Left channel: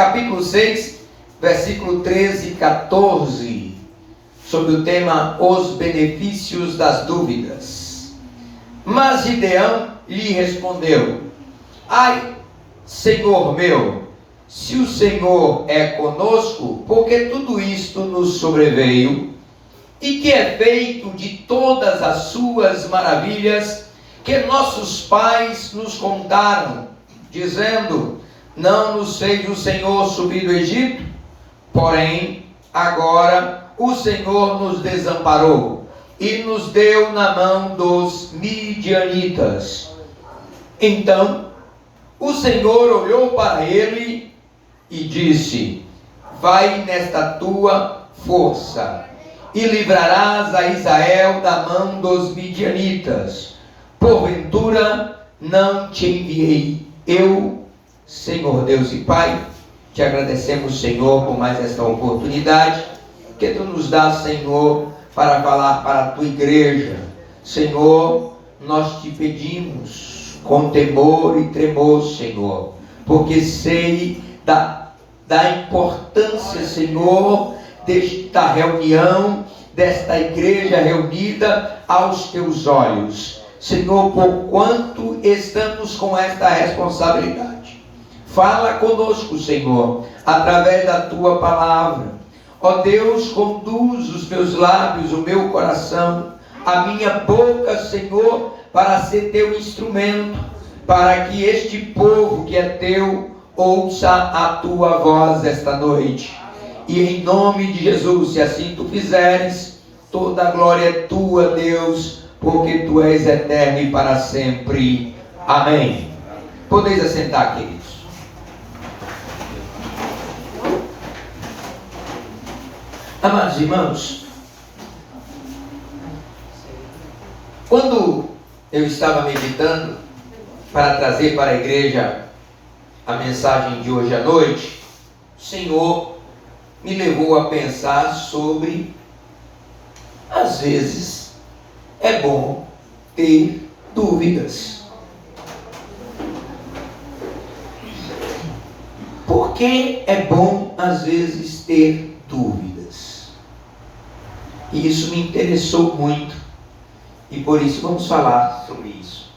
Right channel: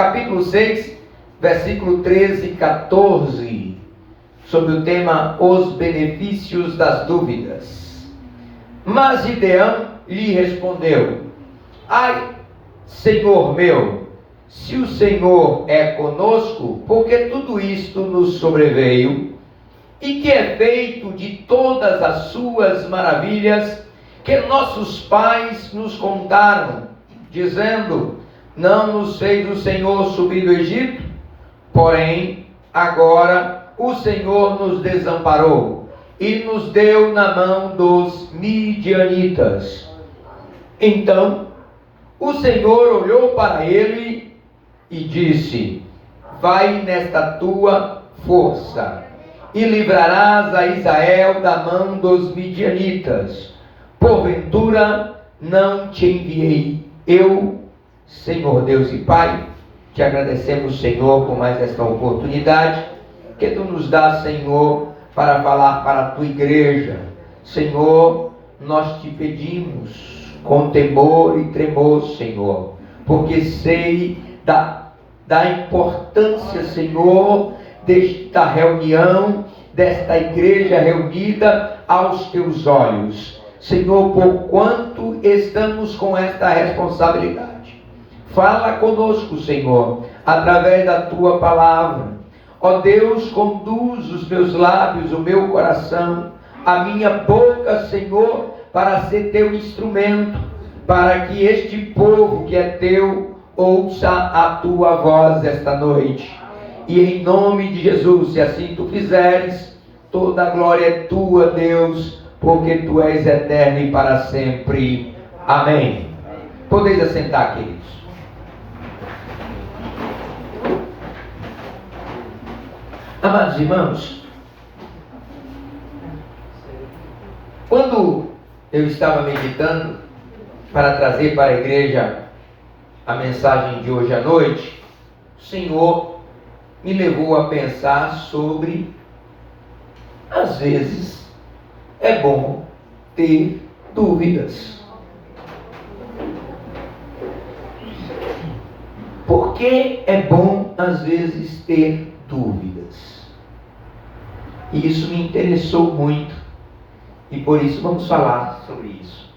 capítulo 6, versículo 13 e 14, sobre o tema Os benefícios das dúvidas. Mas Gideão lhe respondeu: ai, Senhor meu, se o Senhor é conosco, porque tudo isto nos sobreveio, e que é feito de todas as suas maravilhas que nossos pais nos contaram, dizendo: não nos fez o Senhor subir do Egito? Porém, agora o Senhor nos desamparou e nos deu na mão dos midianitas. Então o Senhor olhou para ele e disse: vai nesta tua força e livrarás a Israel da mão dos midianitas. Porventura não te enviei eu, Senhor Deus e Pai? Te agradecemos, Senhor, por mais esta oportunidade que Tu nos dá, Senhor, para falar para a Tua igreja. Senhor, nós Te pedimos com temor e tremor, Senhor, porque sei da importância, Senhor, desta reunião, desta igreja reunida aos Teus olhos. Senhor, por quanto estamos com esta responsabilidade, fala conosco, Senhor, através da Tua palavra. Ó Deus, conduz os meus lábios, o meu coração, a minha boca, Senhor, para ser Teu instrumento, para que este povo que é Teu ouça a Tua voz esta noite. E em nome de Jesus, se assim Tu fizeres, toda a glória é Tua, Deus, porque Tu és eterno e para sempre. Amém. Podeis assentar, queridos. Amados irmãos, quando eu estava meditando para trazer para a igreja a mensagem de hoje à noite, o Senhor me levou a pensar sobre, às vezes, é bom ter dúvidas. Por que é bom, às vezes, ter dúvidas? E isso me interessou muito, e por isso vamos falar sobre isso.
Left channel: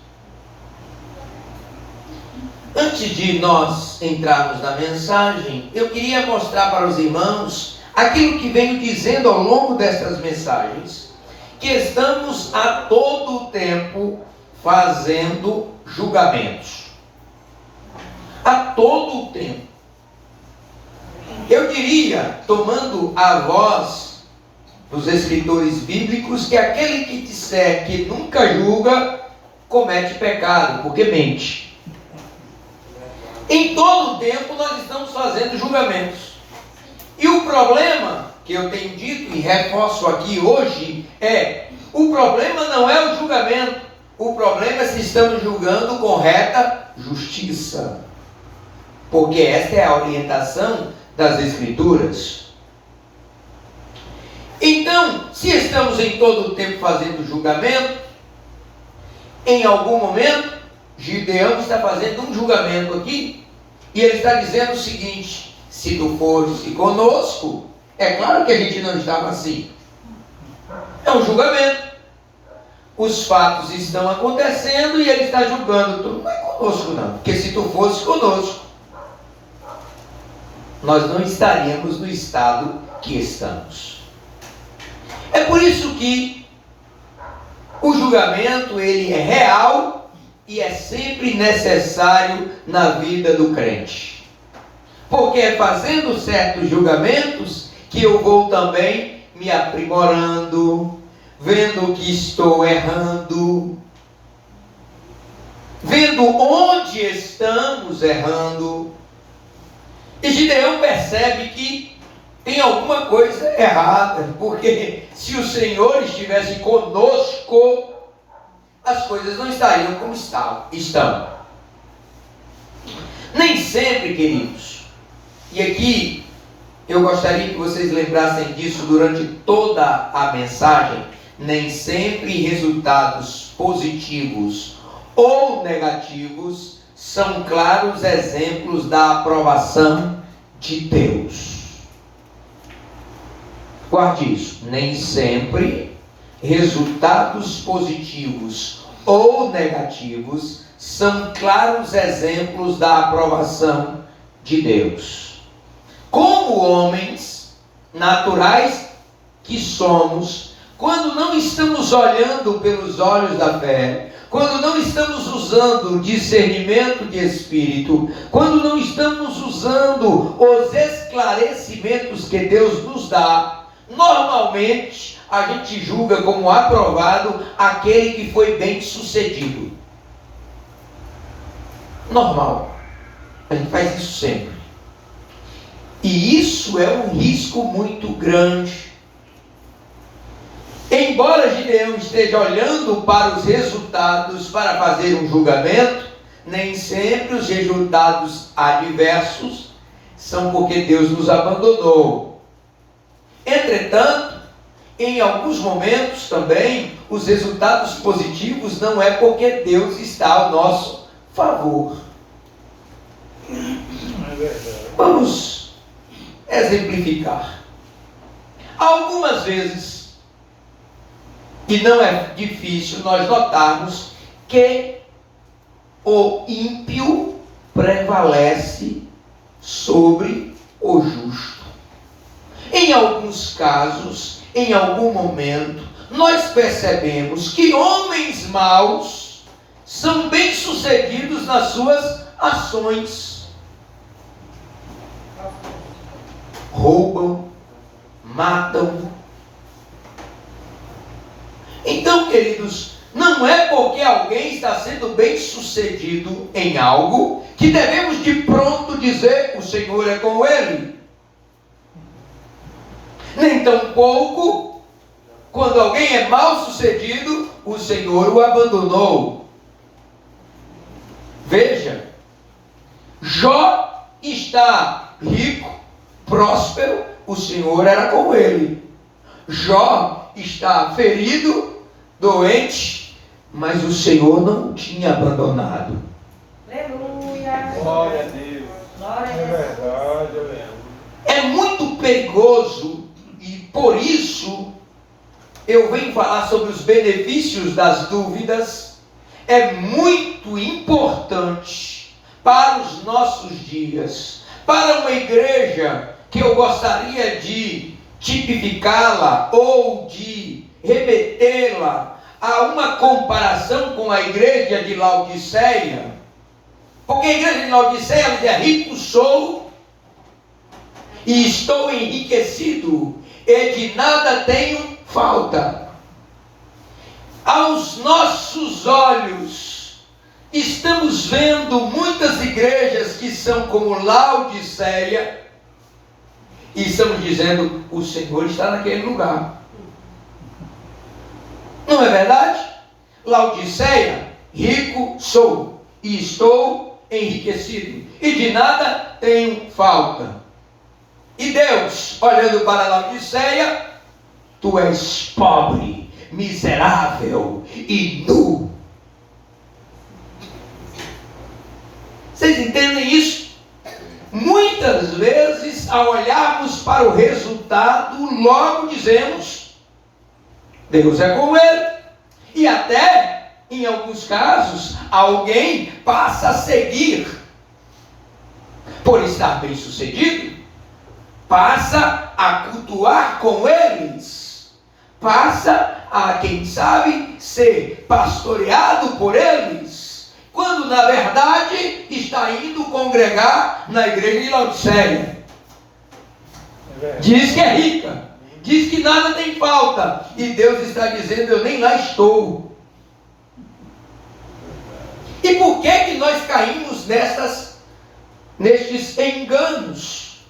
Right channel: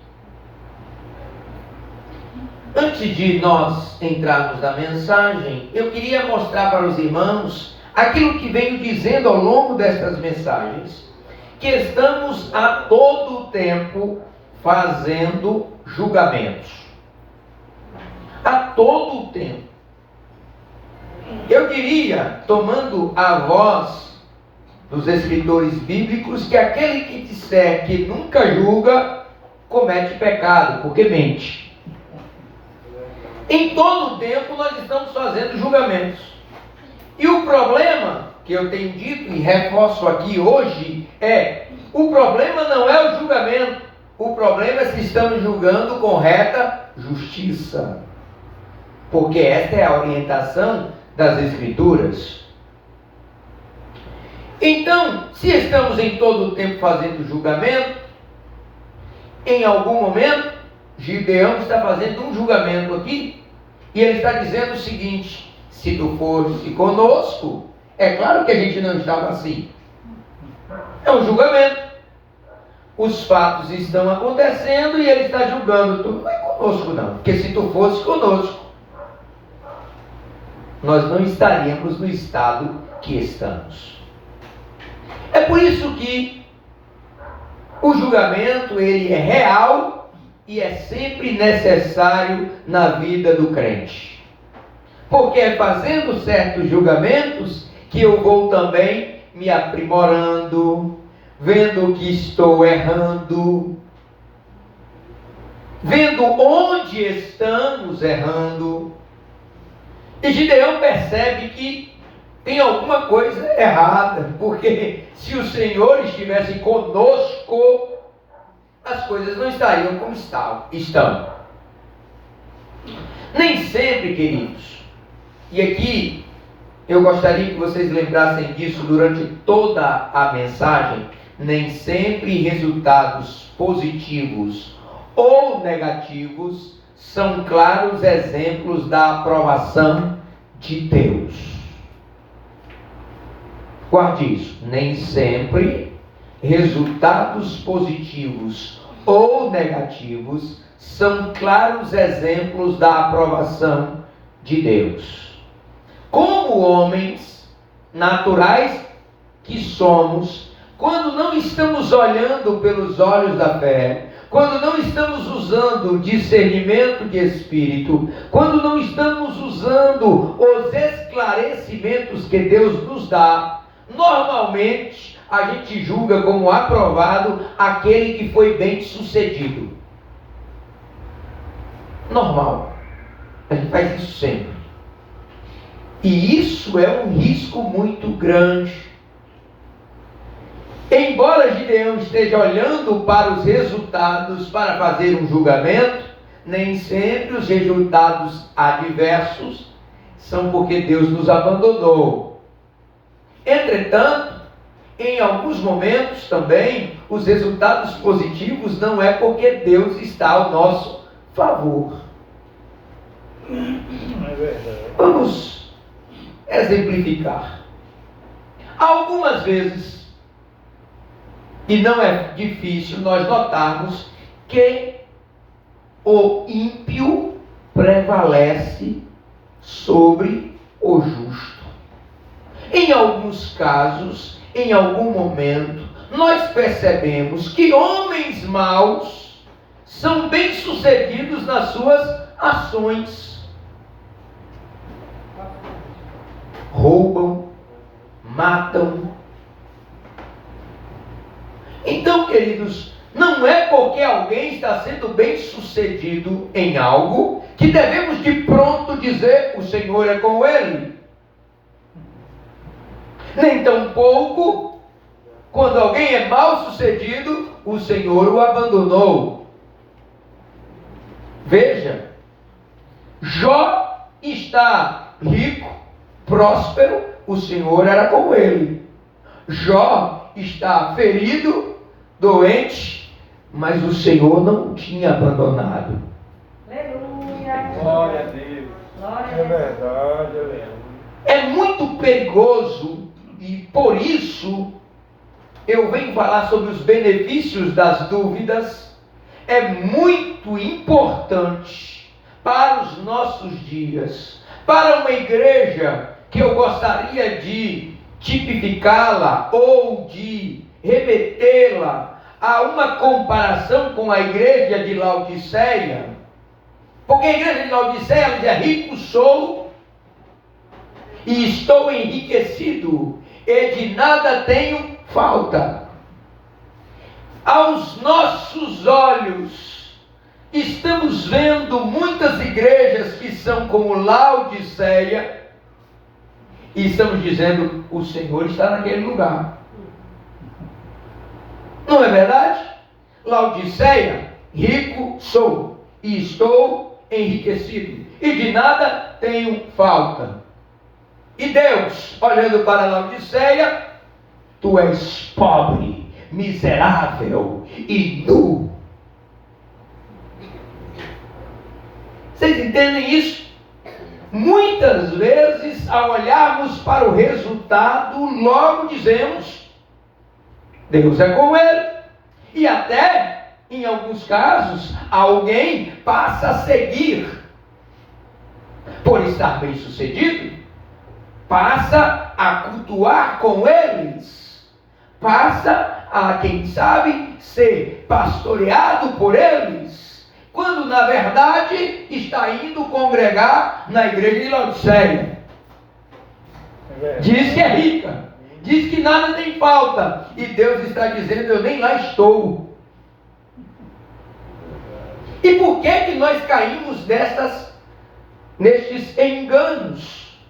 Antes de nós entrarmos na mensagem, eu queria mostrar para os irmãos aquilo que venho dizendo ao longo destas mensagens, que estamos a todo tempo fazendo julgamentos. A todo tempo. Eu diria, tomando a voz dos escritores bíblicos, que aquele que disser que nunca julga, comete pecado, porque mente. Em todo tempo nós estamos fazendo julgamentos. E o problema que eu tenho dito e reforço aqui hoje é: o problema não é o julgamento, o problema é se estamos julgando com reta justiça, porque esta é a orientação das Escrituras. Então, se estamos em todo o tempo fazendo julgamento, em algum momento Gideão está fazendo um julgamento aqui, e ele está dizendo o seguinte: se tu fosse conosco, é claro que a gente não estava assim. É um julgamento. Os fatos estão acontecendo e ele está julgando. Tu não é conosco não, porque se tu fosse conosco, nós não estaríamos no estado que estamos. É por isso que o julgamento, ele é real e é sempre necessário na vida do crente. Porque é fazendo certos julgamentos que eu vou também me aprimorando, vendo que estou errando, vendo onde estamos errando. E Gideão percebe que tem alguma coisa errada, porque se o Senhor estivesse conosco, as coisas não estariam como estão. Nem sempre, queridos, e aqui eu gostaria que vocês lembrassem disso durante toda a mensagem, nem sempre resultados positivos ou negativos são claros exemplos da aprovação de Deus. Guarde isso, nem sempre resultados positivos ou negativos são claros exemplos da aprovação de Deus. Como homens naturais que somos, quando não estamos olhando pelos olhos da fé, quando não estamos usando discernimento de espírito, quando não estamos usando os esclarecimentos que Deus nos dá, normalmente a gente julga como aprovado aquele que foi bem sucedido. Normal. A gente faz isso sempre. E isso é um risco muito grande. Embora Gideão esteja olhando para os resultados para fazer um julgamento, nem sempre os resultados adversos são porque Deus nos abandonou. Entretanto, em alguns momentos também, os resultados positivos não é porque Deus está ao nosso favor. É verdade. Vamos exemplificar. Algumas vezes, e não é difícil nós notarmos que o ímpio prevalece sobre o justo. Em alguns casos, em algum momento, nós percebemos que homens maus são bem-sucedidos nas suas ações. Roubam, matam. Então, queridos, não é porque alguém está sendo bem-sucedido em algo que devemos de pronto dizer: o Senhor é com ele. Nem tampouco, quando alguém é mal-sucedido, o Senhor o abandonou. Veja, Jó está rico, próspero, o Senhor era com ele. Jó está ferido, doente, mas o Senhor não o tinha abandonado. Aleluia. Glória a Deus. Glória a É Deus. verdade, aleluia. É muito perigoso e por isso eu venho falar sobre os benefícios das dúvidas. É muito importante para os nossos dias, para uma igreja que eu gostaria de tipificá-la ou de remetê-la a uma comparação com a igreja de Laodiceia, porque a igreja de Laodiceia dizia: rico sou e estou enriquecido, e de nada tenho falta. Aos nossos olhos, estamos vendo muitas igrejas que são como Laodiceia, e estamos dizendo: o Senhor está naquele lugar. Não é verdade? Laodiceia, rico sou e estou enriquecido, e de nada tenho falta. E Deus, olhando para Laodiceia: tu és pobre, miserável e nu. Vocês entendem isso? Muitas vezes, ao olharmos para o resultado, logo dizemos: Deus é com ele. E até, em alguns casos, alguém passa a seguir, por estar bem sucedido, passa a cultuar com eles, passa a, quem sabe, ser pastoreado por eles, quando na verdade está indo congregar na igreja de Laodiceia. Diz que é rica, diz que nada tem falta, e Deus está dizendo: eu nem lá estou. E por que nós caímos nestes enganos?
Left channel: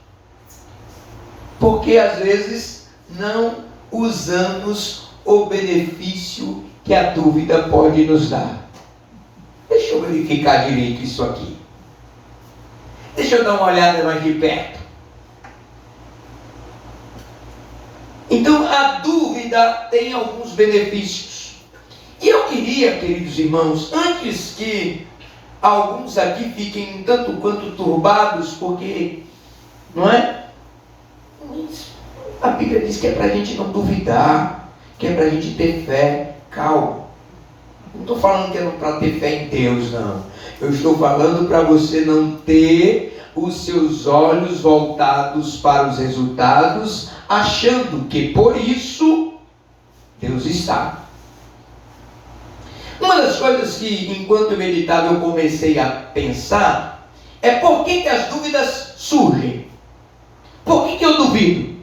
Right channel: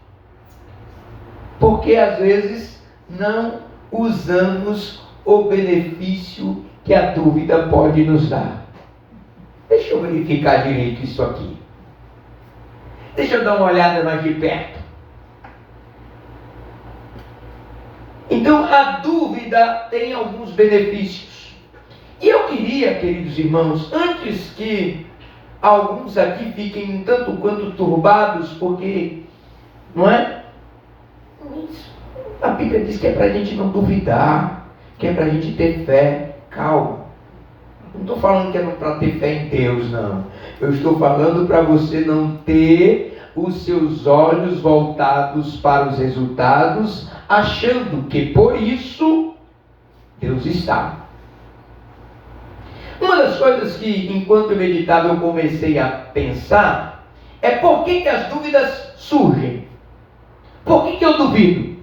Porque às vezes não usamos o benefício que a dúvida pode nos dar. Deixa eu verificar direito isso aqui. Deixa eu dar uma olhada mais de perto. Então, a dúvida tem alguns benefícios. E eu queria, queridos irmãos, antes que alguns aqui fiquem um tanto quanto turbados, porque Não é? A Bíblia diz que é para a gente não duvidar, que é para a gente ter fé. Calma. Não estou falando que é para ter fé em Deus, não. Eu estou falando para você não ter os seus olhos voltados para os resultados, achando que por isso Deus está. Uma das coisas que, enquanto eu meditava, eu comecei a pensar é por que as dúvidas surgem. Por que eu duvido?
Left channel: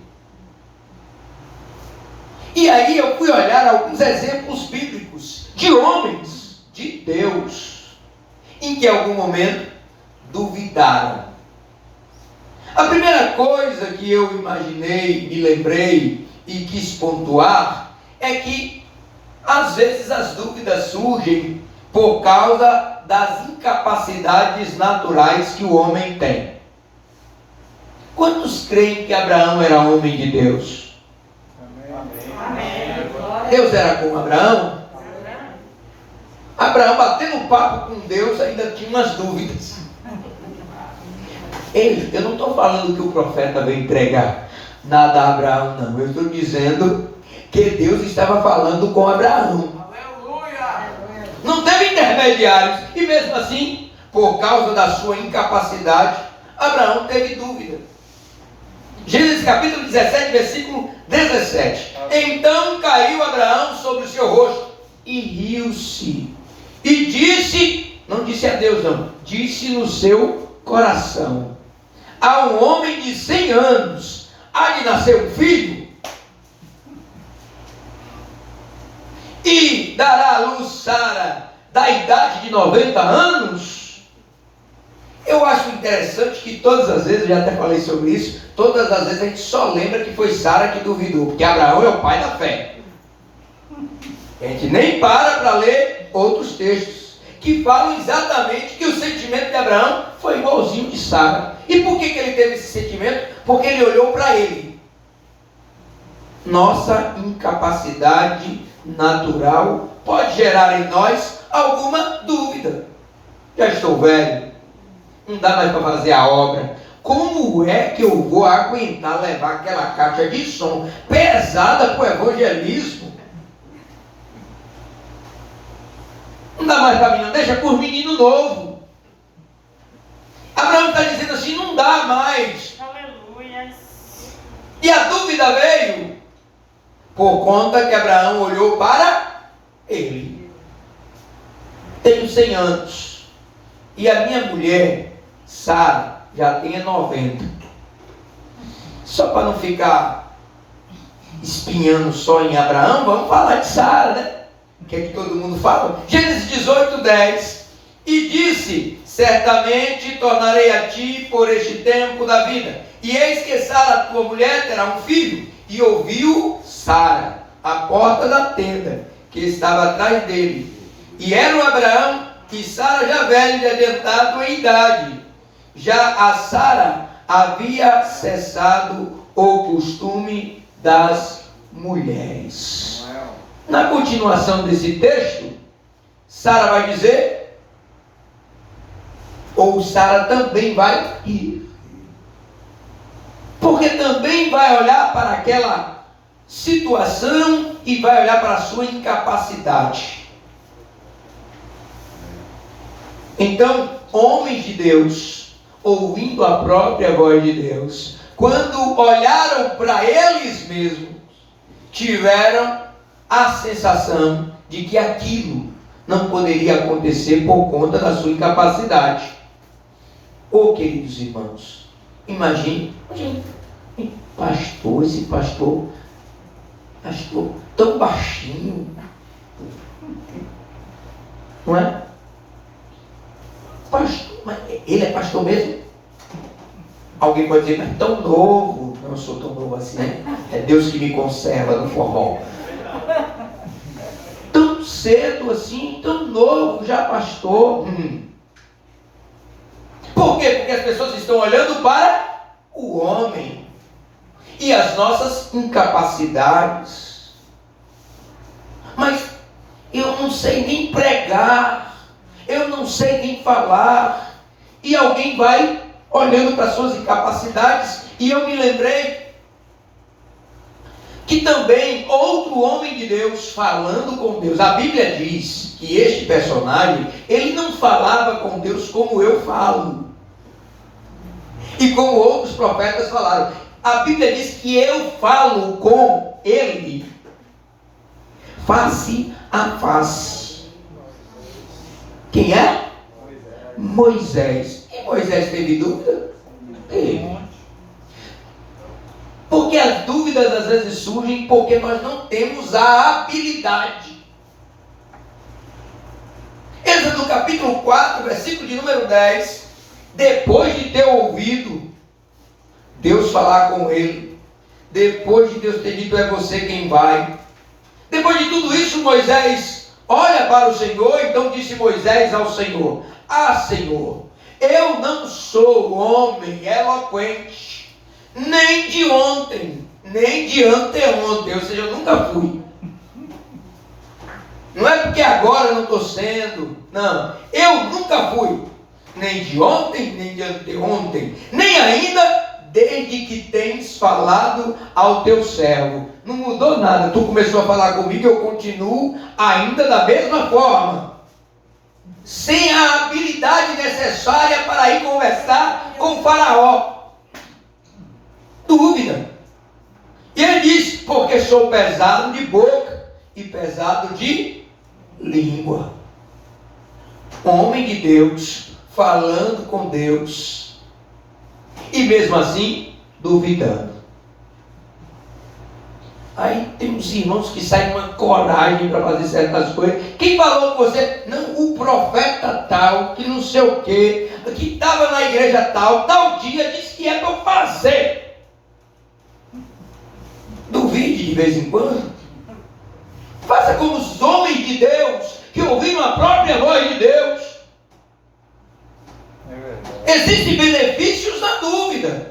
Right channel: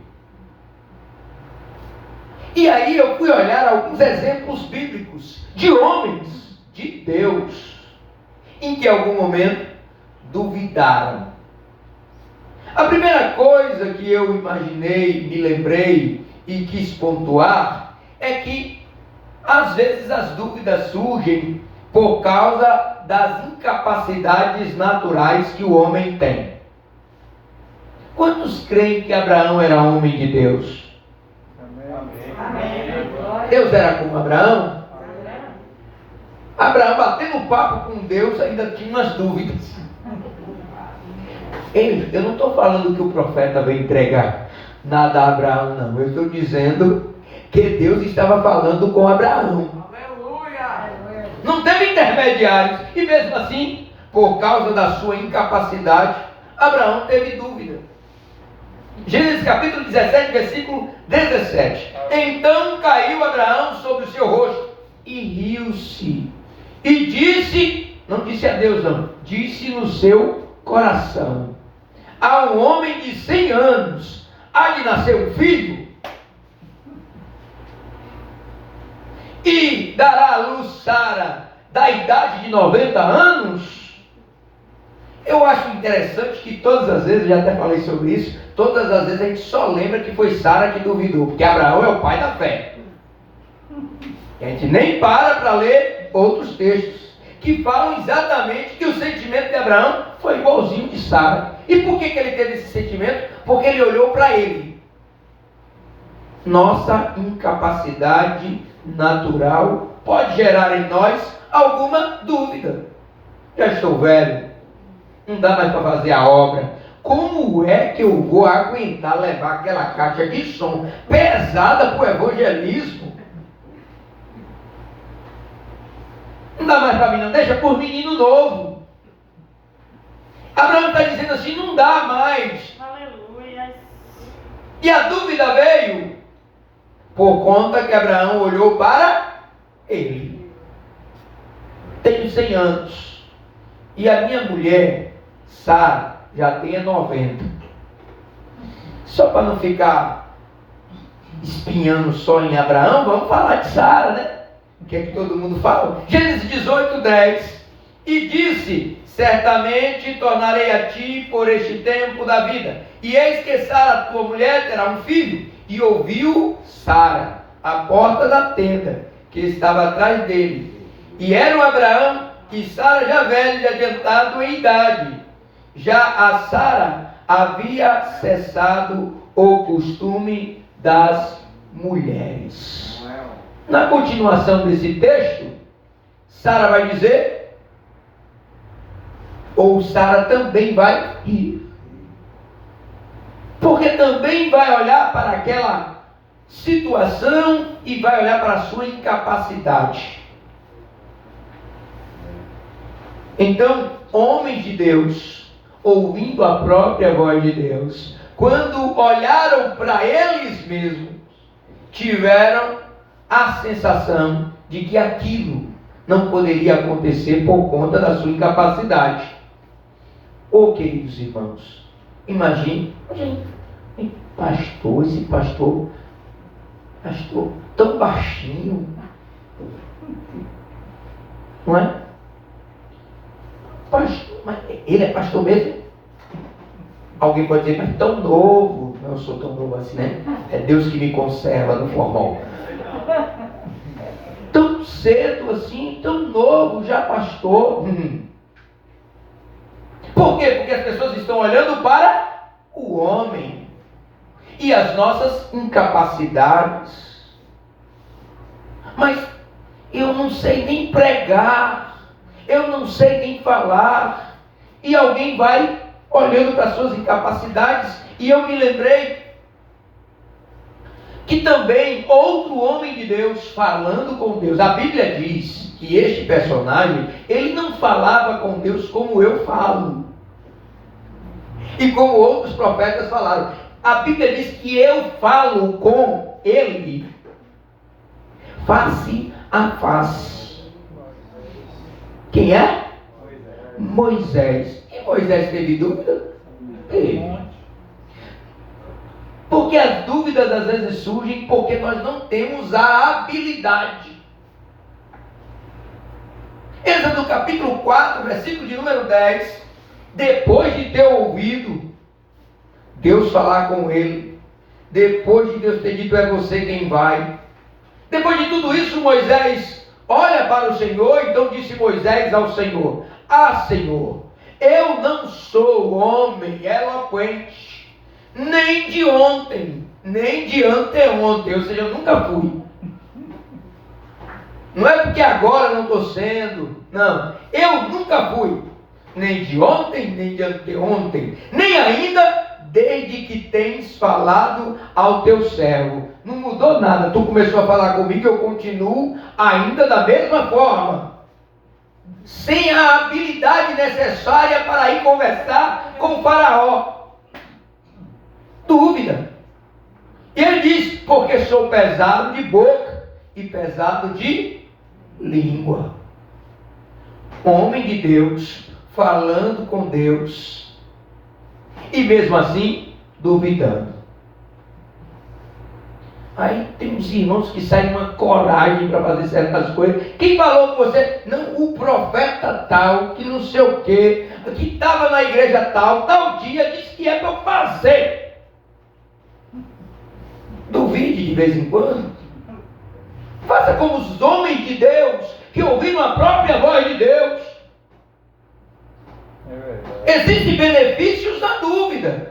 E aí eu fui olhar alguns exemplos bíblicos de homens de Deus em que em algum momento duvidaram. A primeira coisa que eu imaginei, me lembrei e quis pontuar é que às vezes as dúvidas surgem por causa das incapacidades naturais que o homem tem. Quantos creem que Abraão era homem de Deus? Amém. Deus era como Abraão? Abraão, batendo papo com Deus, ainda tinha umas dúvidas. Eu não estou falando que o profeta veio entregar nada a Abraão, não. Eu estou dizendo que Deus estava falando com Abraão. Aleluia! Não teve intermediários. E mesmo assim, por causa da sua incapacidade, Abraão teve dúvida. Gênesis capítulo 17, versículo 17. Então caiu Abraão sobre o seu rosto e riu-se. E disse, não disse a Deus não, disse no seu coração: a um homem de 100 anos há de nascer um filho, e dará à luz Sara da idade de 90 anos. Eu acho interessante que todas as vezes, eu já até falei sobre isso, todas as vezes a gente só lembra que foi Sara que duvidou, porque Abraão é o pai da fé. A gente nem para ler outros textos que falam exatamente que o sentimento de Abraão foi igualzinho de Sara. E por que ele teve esse sentimento? Porque ele olhou para ele. Nossa incapacidade natural pode gerar em nós alguma dúvida. Já estou velho, não dá mais para fazer a obra. Como é que eu vou aguentar levar aquela caixa de som pesada para o evangelismo? Não dá mais para mim, não. Deixa por menino novo. Abraão está dizendo assim: não dá mais. Aleluia. E a dúvida veio por conta que Abraão olhou para ele. Tenho 100 anos. E a minha mulher, Sara, já tem 90. Só para não ficar espinhando só em Abraão, vamos falar de Sara, né? O que é que todo mundo fala? Gênesis 18, 10. E disse: certamente tornarei a ti por este tempo da vida, e eis que Sara, tua mulher, terá um filho. E ouviu Sara à porta da tenda que estava atrás dele. E era o Abraão e Sara já velho e adiantado em idade. Já a Sara havia cessado o costume das mulheres. Na continuação desse texto, Sara vai dizer, ou Sara também vai rir, porque também vai olhar para aquela situação e vai olhar para a sua incapacidade. Então, homens de Deus, ouvindo a própria voz de Deus, quando olharam para eles mesmos, tiveram a sensação de que aquilo não poderia acontecer por conta da sua incapacidade. Oh, queridos irmãos, imagine, esse pastor tão baixinho, não é? Pastor, mas ele é pastor mesmo? Alguém pode dizer, mas tão novo. Não sou tão novo assim, né? É Deus que me conserva no formal. Tão cedo assim, tão novo, já pastor. Por quê? Porque as pessoas estão olhando para o homem e as nossas incapacidades. Mas eu não sei nem pregar, eu não sei nem falar. E alguém vai olhando para suas incapacidades, e eu me lembrei que também outro homem de Deus falando com Deus, a Bíblia diz que este personagem, ele não falava com Deus como eu falo, e como outros profetas falaram. A Bíblia diz que eu falo com ele face a face. Quem é? Moisés. E Moisés teve dúvida? Teve. Porque as dúvidas às vezes surgem porque nós não temos a habilidade. Êxodo capítulo 4, versículo de número 10. Depois de ter ouvido Deus falar com ele, depois de Deus ter dito, é você quem vai, depois de tudo isso, Moisés olha para o Senhor. Então disse Moisés ao Senhor: ah, Senhor, eu não sou homem eloquente, nem de ontem, nem de anteontem, ou seja, eu nunca fui. Não é porque agora eu não estou sendo, não, eu nunca fui, nem de ontem, nem de anteontem, nem ainda desde que tens falado ao teu servo. Não mudou nada, tu começou a falar comigo, eu continuo ainda da mesma forma, sem a habilidade necessária para ir conversar com o faraó. Dúvida. E ele diz: porque sou pesado de boca e pesado de língua. Homem de Deus, falando com Deus, e mesmo assim, duvidando. Aí tem uns irmãos que saem uma coragem para fazer certas coisas. Quem falou com você? Não, o profeta tal, que não sei o quê, que estava na igreja tal dia, disse que é para eu fazer. Duvide de vez em quando. Faça como os homens de Deus, que ouviram a própria voz de Deus. Existem benefícios na dúvida.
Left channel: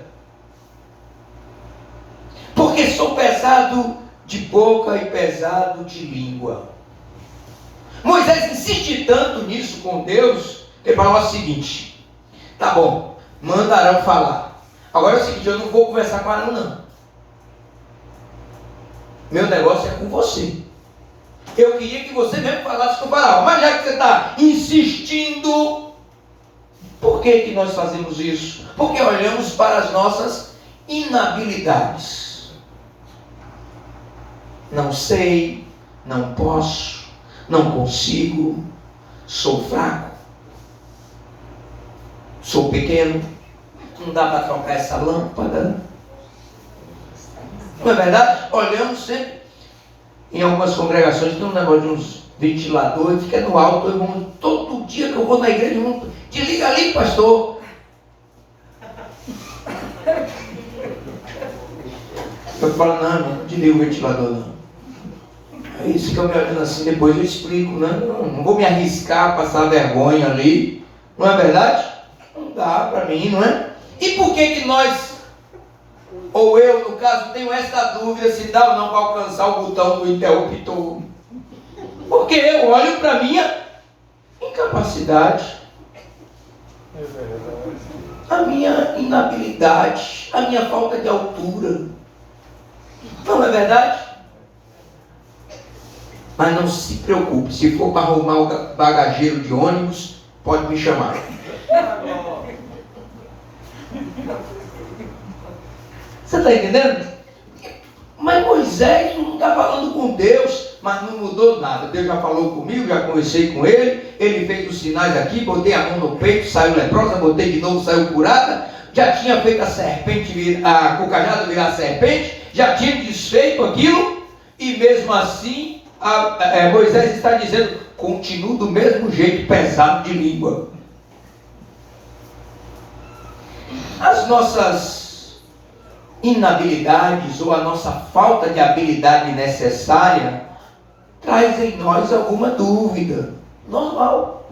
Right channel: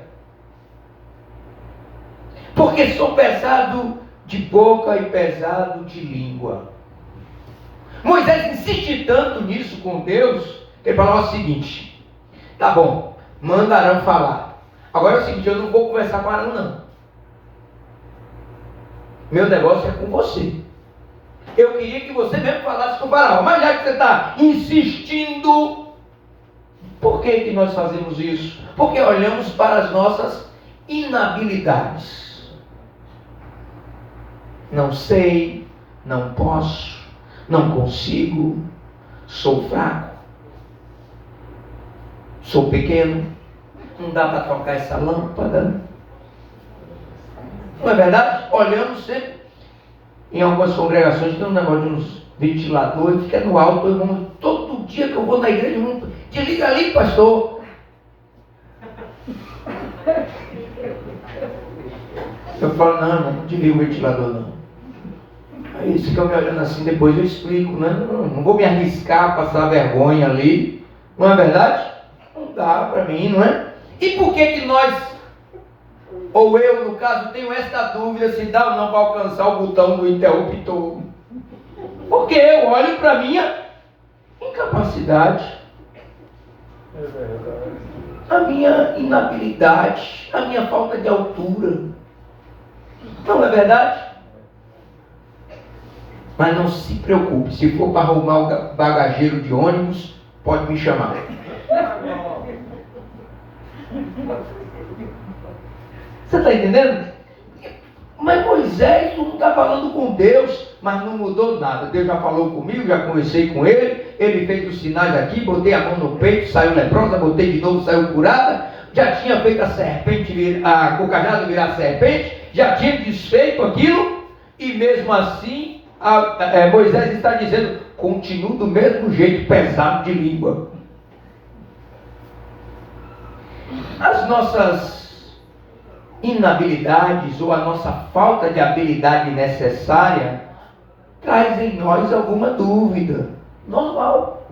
Porque sou pesado de boca e pesado de língua. Moisés insiste tanto nisso com Deus, que ele fala o seguinte: tá bom, manda Arão falar. Agora é o seguinte, eu não vou conversar com Arão, não. Meu negócio é com você. Eu queria que você mesmo falasse com o faraó, mas já que você está insistindo, por que nós fazemos isso? Porque olhamos para as nossas inabilidades. Não sei, não posso, não consigo, sou fraco, sou pequeno, não dá para trocar essa lâmpada. Não é verdade? Olhamos sempre. Em algumas congregações tem um negócio de uns ventiladores, fica no alto, irmão, todo dia que eu vou na igreja, irmão, desliga ali, pastor. Eu falo, não, irmão, não desliga o ventilador, não. Aí eles ficam me olhando assim, depois eu explico, né? Não vou me arriscar a passar vergonha ali, não é verdade? Não dá para mim, não é? E por que nós, ou eu no caso, tenho essa dúvida se dá ou não para alcançar o botão do interruptor? Porque eu olho para a minha incapacidade, a minha inabilidade, a minha falta de altura. Não é verdade? Mas não se preocupe, se for para arrumar o bagageiro de ônibus, pode me chamar. Você está entendendo? Mas Moisés não está falando com Deus, mas não mudou nada. Deus já falou comigo, já conversei com ele, ele fez os sinais aqui, botei a mão no peito, saiu leprosa, botei de novo, saiu curada, já tinha feito a serpente, o cajado virar serpente, já tinha desfeito aquilo, e mesmo assim, Moisés está dizendo, continua do mesmo jeito, pesado de língua. As nossas inabilidades ou a nossa falta de habilidade necessária traz em nós alguma dúvida. Normal.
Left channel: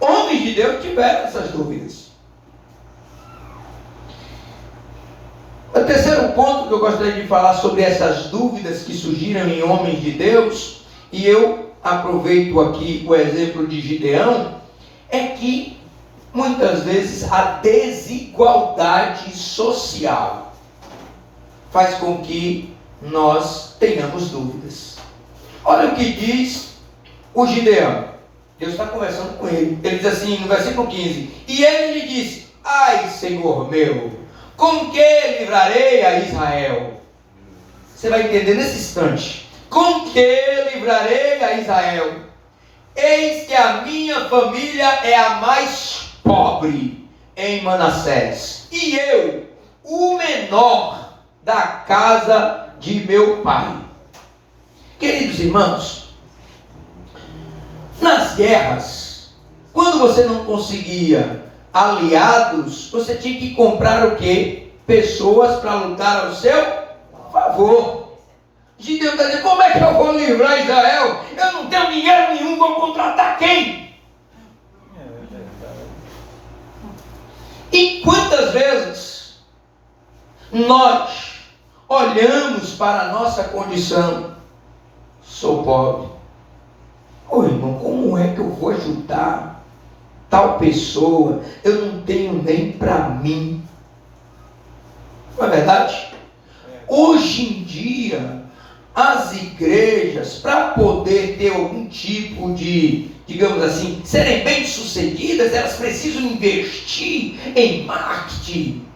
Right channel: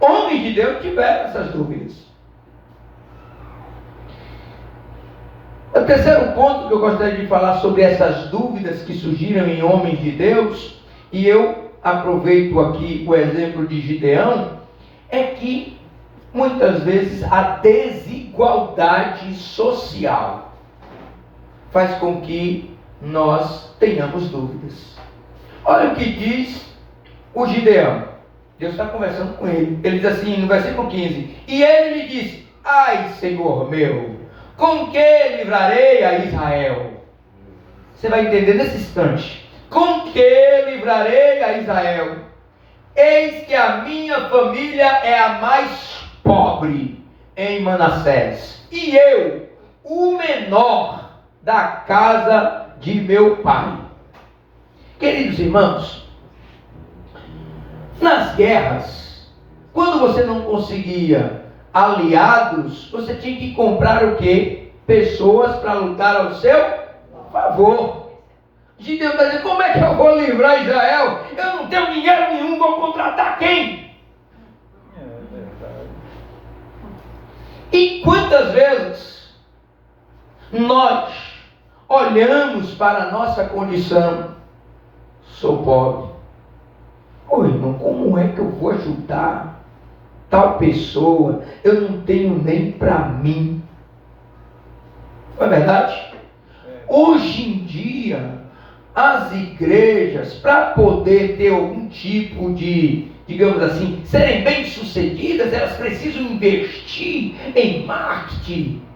Homens de Deus tiveram essas dúvidas. O terceiro ponto que eu gostaria de falar sobre essas dúvidas que surgiram em homens de Deus, e eu aproveito aqui o exemplo de Gideão, é que muitas vezes a desigualdade social faz com que nós tenhamos dúvidas. Olha o que diz o Gideão. Deus está conversando com ele. Ele diz assim no versículo 15: e ele lhe disse: ai, Senhor meu, com que livrarei a Israel? Você vai entender nesse instante. Com que livrarei a Israel? Eis que a minha família é a mais pobre em Manassés, e eu, o menor da casa de meu pai. Queridos irmãos, nas guerras, quando você não conseguia aliados, você tinha que comprar o quê? Pessoas para lutar ao seu favor. Gideão está dizendo: como é que eu vou livrar Israel? Eu não tenho dinheiro nenhum, vou contratar quem? É verdade. E quantas vezes nós olhamos para a nossa condição? Sou pobre. Ô irmão, como é que eu vou ajudar tal pessoa? Eu não tenho nem para mim. Não é verdade? Hoje em dia, as igrejas, para poder ter algum tipo de, digamos assim, serem bem-sucedidas, elas precisam investir em marketing,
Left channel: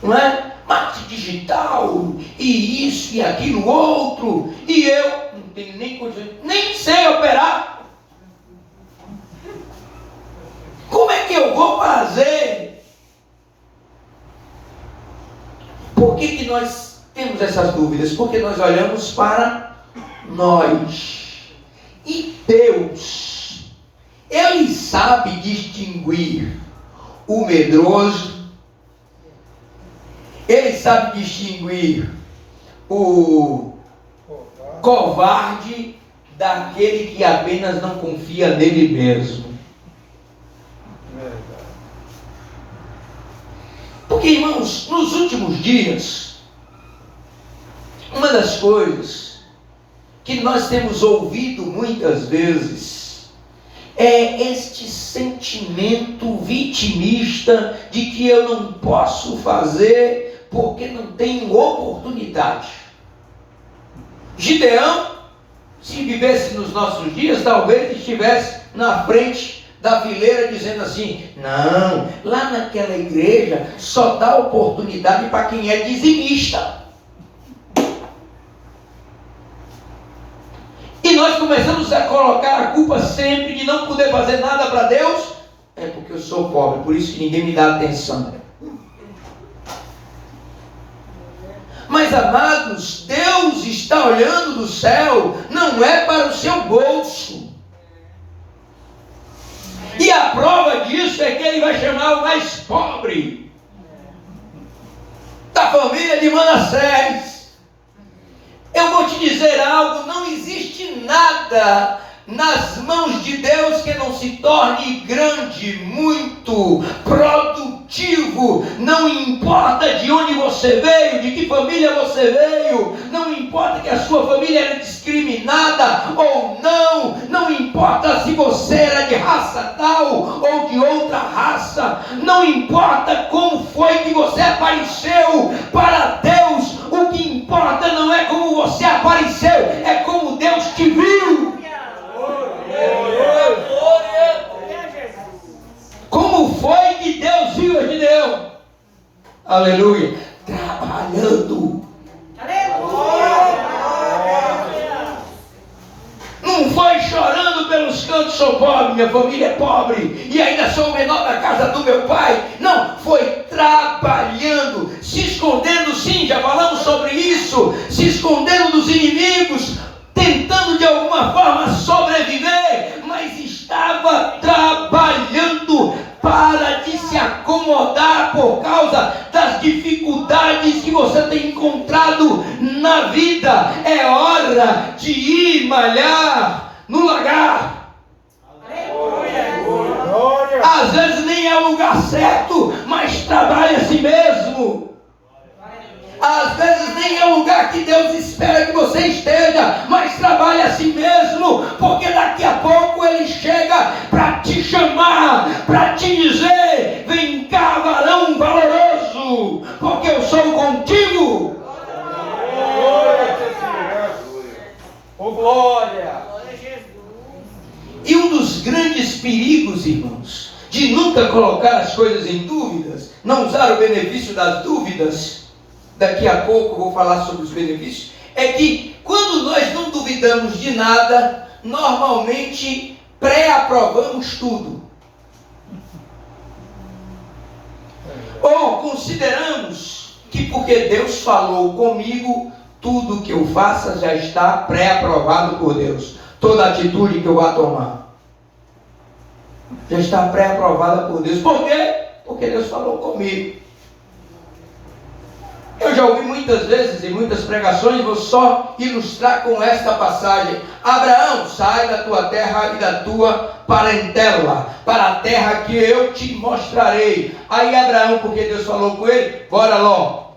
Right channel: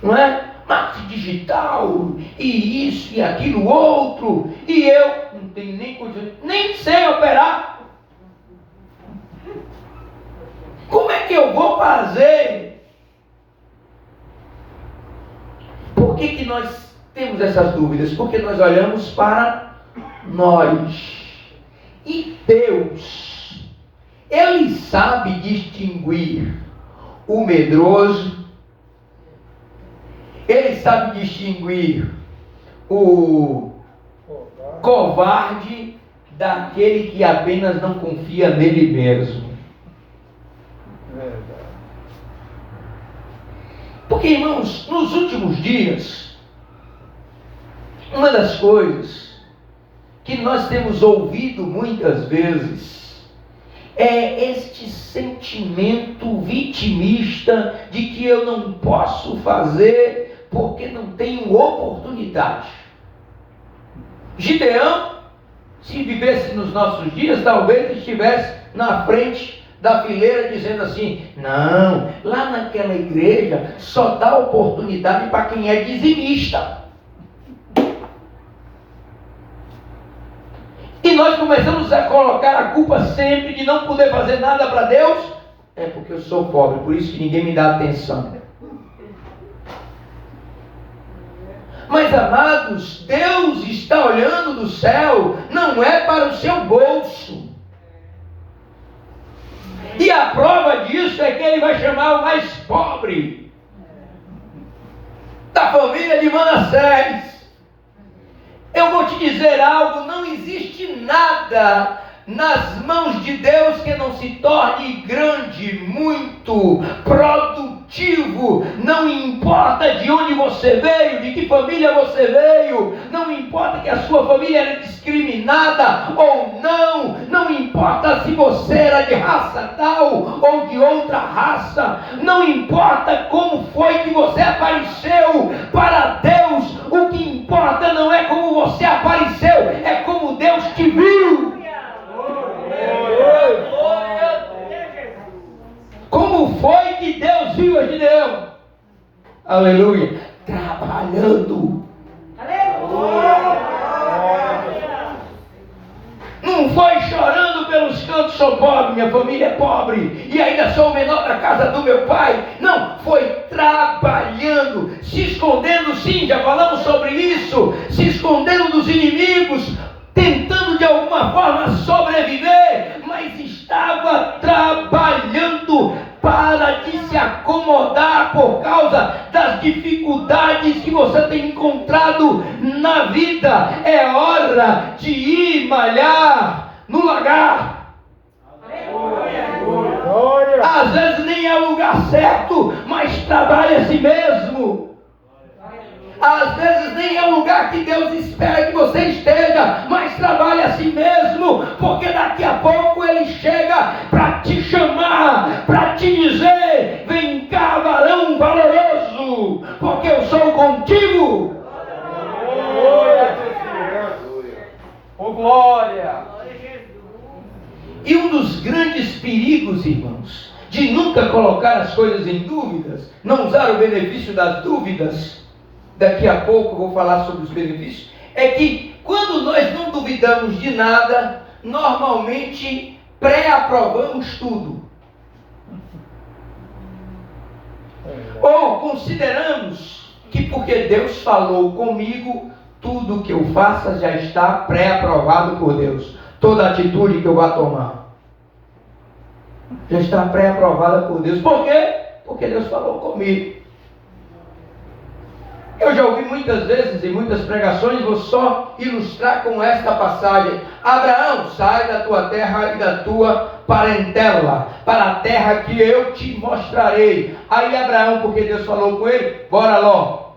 não é? Marketing digital, e isso e aquilo outro, e eu não tenho nem condição, nem sei operar. Como é que eu vou fazer? Por que nós temos essas dúvidas? Porque nós olhamos para nós. E Deus, Ele sabe distinguir o medroso, Ele sabe distinguir o covarde daquele que apenas não confia nele mesmo. Verdade. Porque, irmãos, nos últimos dias, uma das coisas que nós temos ouvido muitas vezes é este sentimento vitimista de que eu não posso fazer porque não tenho oportunidade. Gideão, se vivesse nos nossos dias, talvez estivesse na frente da fileira dizendo assim: não, lá naquela igreja só dá oportunidade para quem é dizimista. E nós começamos a colocar a culpa sempre de não poder fazer nada para Deus. É porque eu sou pobre, por isso que ninguém me dá atenção. Mas, amados, Deus está olhando do céu, não é para o seu bolso. E a prova disso é que Ele vai chamar o mais pobre da família de Manassés. Eu vou te dizer algo: não existe nada nas mãos de Deus que não se torne grande, muito produtivo. Não importa de onde você veio, de que família você veio, não importa que a sua família era discriminada ou não, não importa se você era de raça tal ou de outra raça, não importa como foi que você apareceu para Deus. O que importa não é como você apareceu, é como Deus te viu. Como foi que Deus viu a Gideão? Aleluia. Trabalhando. Não foi chorando pelos cantos: sou pobre, minha família é pobre e ainda sou o menor da casa do meu pai. Não, foi trabalhando, se escondendo, sim, já falamos sobre isso, se escondendo dos inimigos, tentando de alguma forma sobreviver, mas estava trabalhando. Para de se acomodar por causa das dificuldades que você tem encontrado na vida. É hora de ir malhar no lagar. Às vezes nem é o lugar certo, mas trabalha a si mesmo. Às vezes nem é o lugar que Deus espera que você esteja, mas trabalhe a si mesmo, porque daqui a pouco Ele chega para te chamar, para te dizer: vem cá, varão valoroso, porque eu sou contigo. Oh, glória! E um dos grandes perigos, irmãos, de nunca colocar as coisas em dúvidas, não usar o benefício das dúvidas, daqui a pouco eu vou falar sobre os benefícios, é que quando nós não duvidamos de nada, normalmente pré-aprovamos tudo. Ou consideramos que porque Deus falou comigo, tudo que eu faça já está pré-aprovado por Deus. Toda atitude que eu vá tomar já está pré-aprovada por Deus. Por quê? Porque Deus falou comigo. Eu já ouvi muitas vezes em muitas pregações, vou só ilustrar com esta passagem. Abraão, sai da tua terra e da tua parentela, para a terra que eu te mostrarei. Aí Abraão, porque Deus falou com ele, bora logo.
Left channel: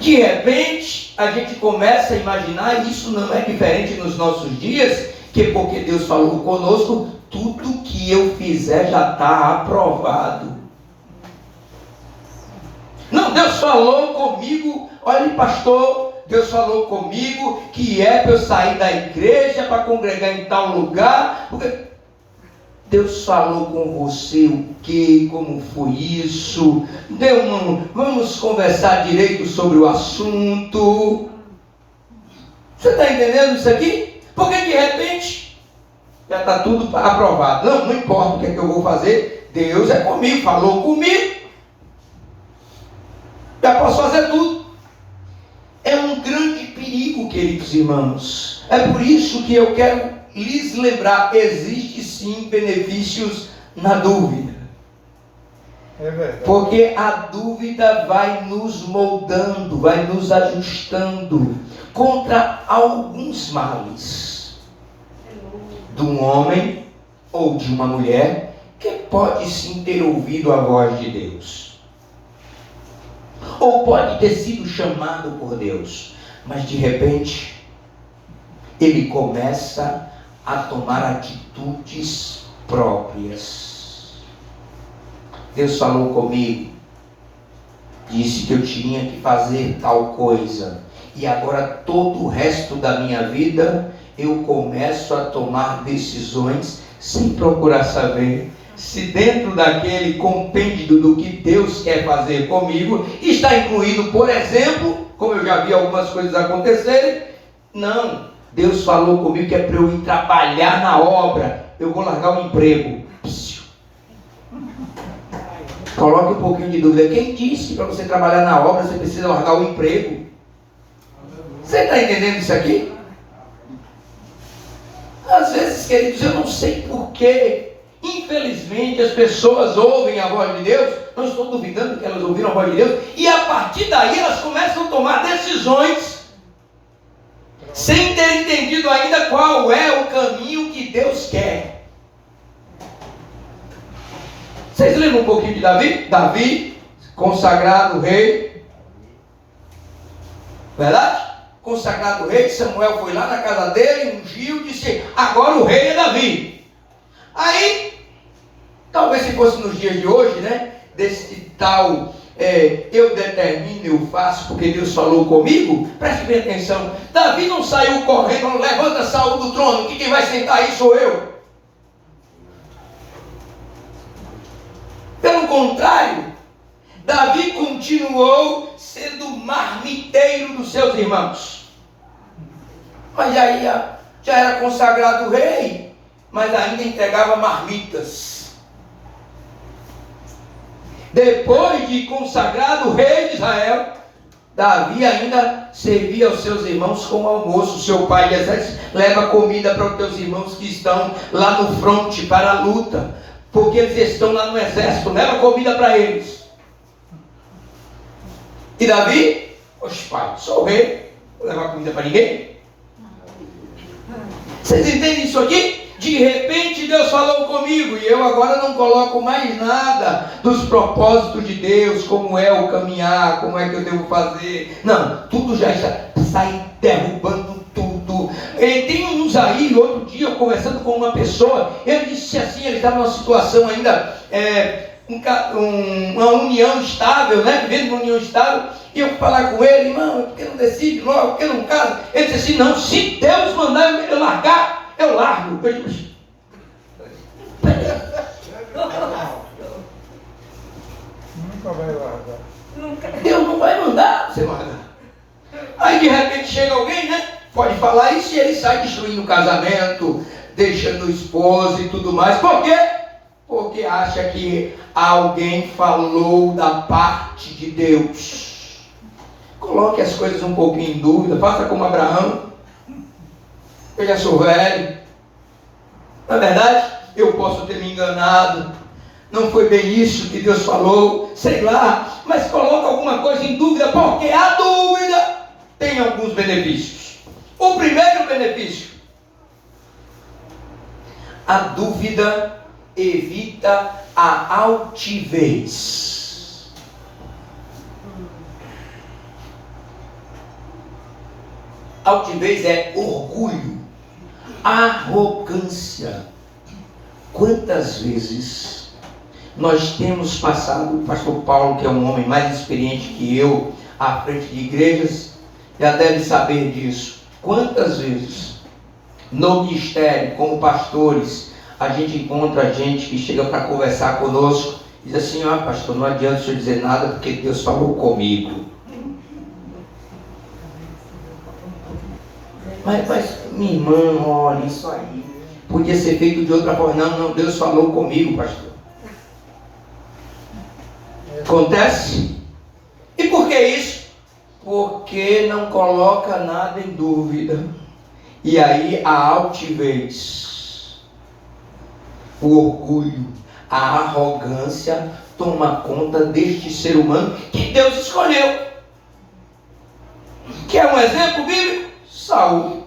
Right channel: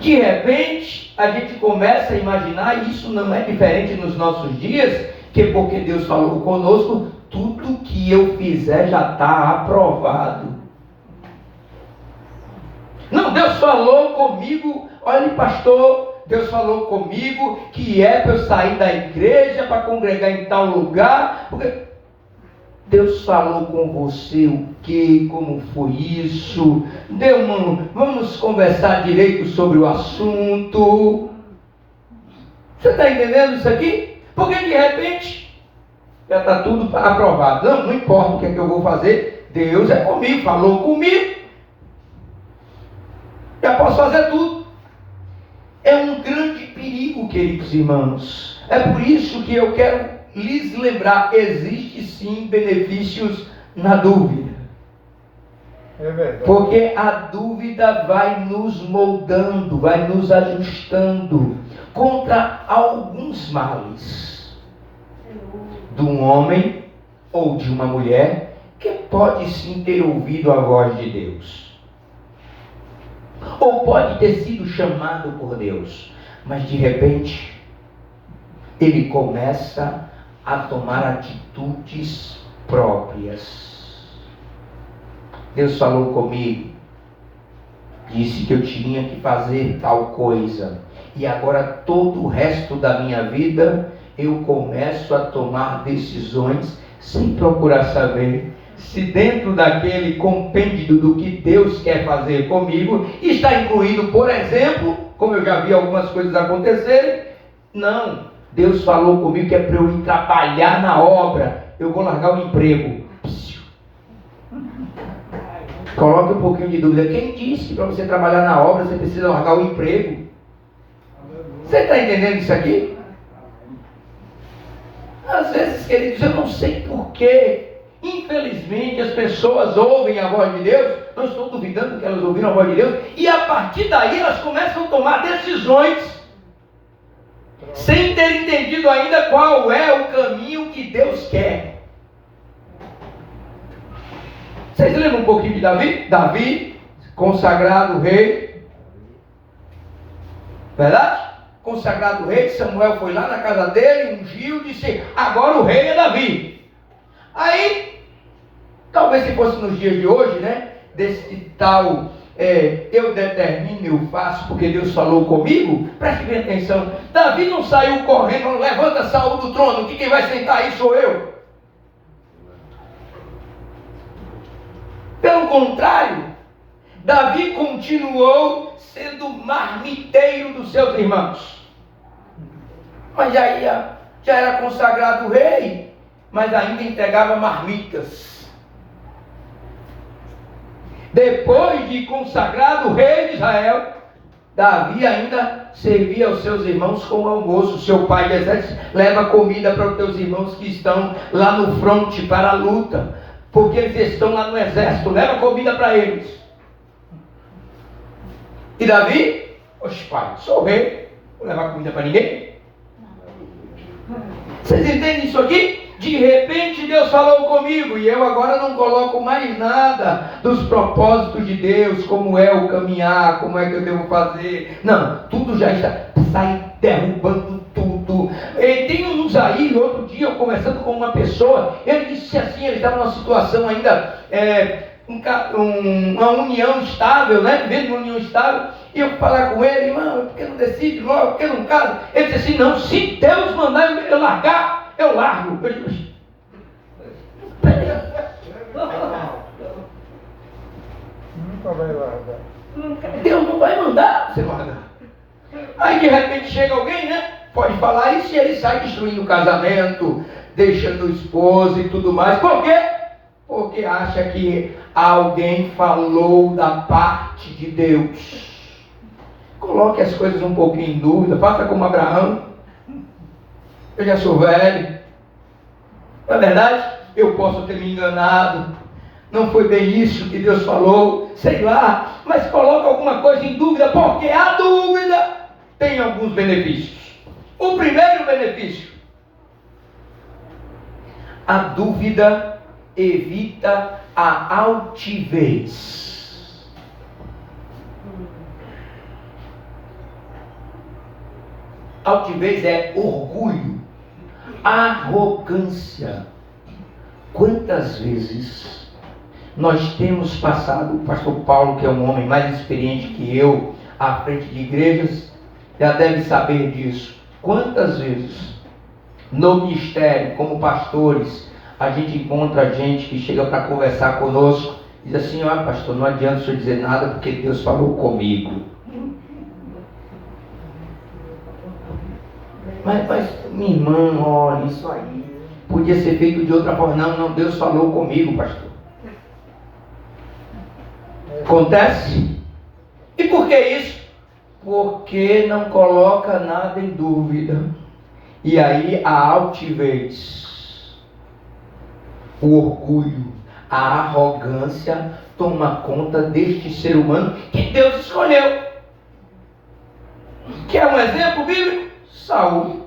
De repente, a gente começa a imaginar, e isso não é diferente nos nossos dias, que porque Deus falou conosco, tudo que eu fizer já está aprovado. Não, Deus falou comigo, olha pastor, Deus falou comigo que é para eu sair da igreja, para congregar em tal lugar, porque Deus falou com você o que, como foi isso, vamos conversar direito sobre o assunto. Você está entendendo isso aqui? Porque de repente já está tudo aprovado. Não importa o que é que eu vou fazer, Deus é comigo, falou comigo, já posso fazer tudo. É um grande perigo, queridos irmãos. É por isso que eu quero lhes lembrar, existe sim benefícios na dúvida. É verdade. Porque a dúvida vai nos moldando, vai nos ajustando contra alguns males de um homem ou de uma mulher que pode sim ter ouvido a voz de Deus, ou pode ter sido chamado por Deus, mas de repente ele começa a tomar atitudes próprias. Deus falou comigo, disse que eu tinha que fazer tal coisa, e agora todo o resto da minha vida eu começo a tomar decisões sem procurar saber se dentro daquele compêndio do que Deus quer fazer comigo está incluído, por exemplo, como eu já vi algumas coisas acontecerem. Não, Deus falou comigo que é para eu ir trabalhar na obra, eu vou largar o emprego. Coloque um pouquinho de dúvida. Quem disse que para você trabalhar na obra você precisa largar o emprego? Você está entendendo isso aqui? Às vezes, queridos, eu não sei porquê, infelizmente as pessoas ouvem a voz de Deus, não estou duvidando que elas ouviram a voz de Deus, e a partir daí elas começam a tomar decisões sem ter entendido ainda qual é o caminho que Deus quer. Vocês lembram um pouquinho de Davi? Davi, consagrado rei, verdade? Consagrado rei, Samuel foi lá na casa dele, ungiu, disse, agora o rei é Davi. Aí, talvez se fosse nos dias de hoje, né, desse tal, eu determino, eu faço, porque Deus falou comigo, preste bem atenção, Davi não saiu correndo, levanta Saul do trono, que quem vai sentar aí sou eu. Pelo contrário, Davi continuou sendo marmiteiro dos seus irmãos. Mas já era consagrado rei, mas ainda entregava marmitas. Depois de consagrado rei de Israel, Davi ainda servia aos seus irmãos como almoço. Seu pai de exército leva comida para os teus irmãos que estão lá no fronte para a luta, porque eles estão lá no exército, leva comida para eles. E Davi, oxe pai, sou rei, vou levar comida para ninguém. Vocês entendem isso aqui? De repente Deus falou comigo e eu agora não coloco mais nada dos propósitos de Deus, como é o caminhar, como é que eu devo fazer. Não, tudo já está, sai derrubando tudo. E tem uns aí, outro dia eu conversando com uma pessoa, ele disse assim, ele estava numa situação ainda, uma união estável, né? Vivendo uma união estável, e eu falar com ele, irmão, por que não decide logo, por que não casa? Ele disse assim, não, se Deus mandar eu largar, eu largo. Eu digo, Nunca vai largar. Deus não vai mandar você largar. Aí de repente chega alguém, né? Pode falar isso e ele sai destruindo o casamento, deixando o esposo e tudo mais. Por quê? Porque acha que alguém falou da parte de Deus. Coloque as coisas um pouquinho em dúvida, faça como Abraão. Eu já sou velho. Na verdade, eu posso ter me enganado. Não foi bem isso que Deus falou, sei lá. Mas coloca alguma coisa em dúvida, porque a dúvida tem alguns benefícios. O primeiro benefício: a dúvida evita a altivez. Altivez é orgulho, arrogância. Quantas vezes nós temos passado, o pastor Paulo, que é um homem mais experiente que eu, à frente de igrejas, já deve saber disso. Quantas vezes no ministério, como pastores, a gente encontra gente que chega para conversar conosco e diz assim: ó, pastor, não adianta o senhor dizer nada porque Deus falou comigo. Mas minha irmã, olha, isso aí podia ser feito de outra forma. Não, Deus falou comigo, pastor. Acontece? E por que isso? Porque não coloca nada em dúvida. E aí a altivez, o orgulho, a arrogância toma conta deste ser humano que Deus escolheu. Quer um exemplo bíblico? Saul.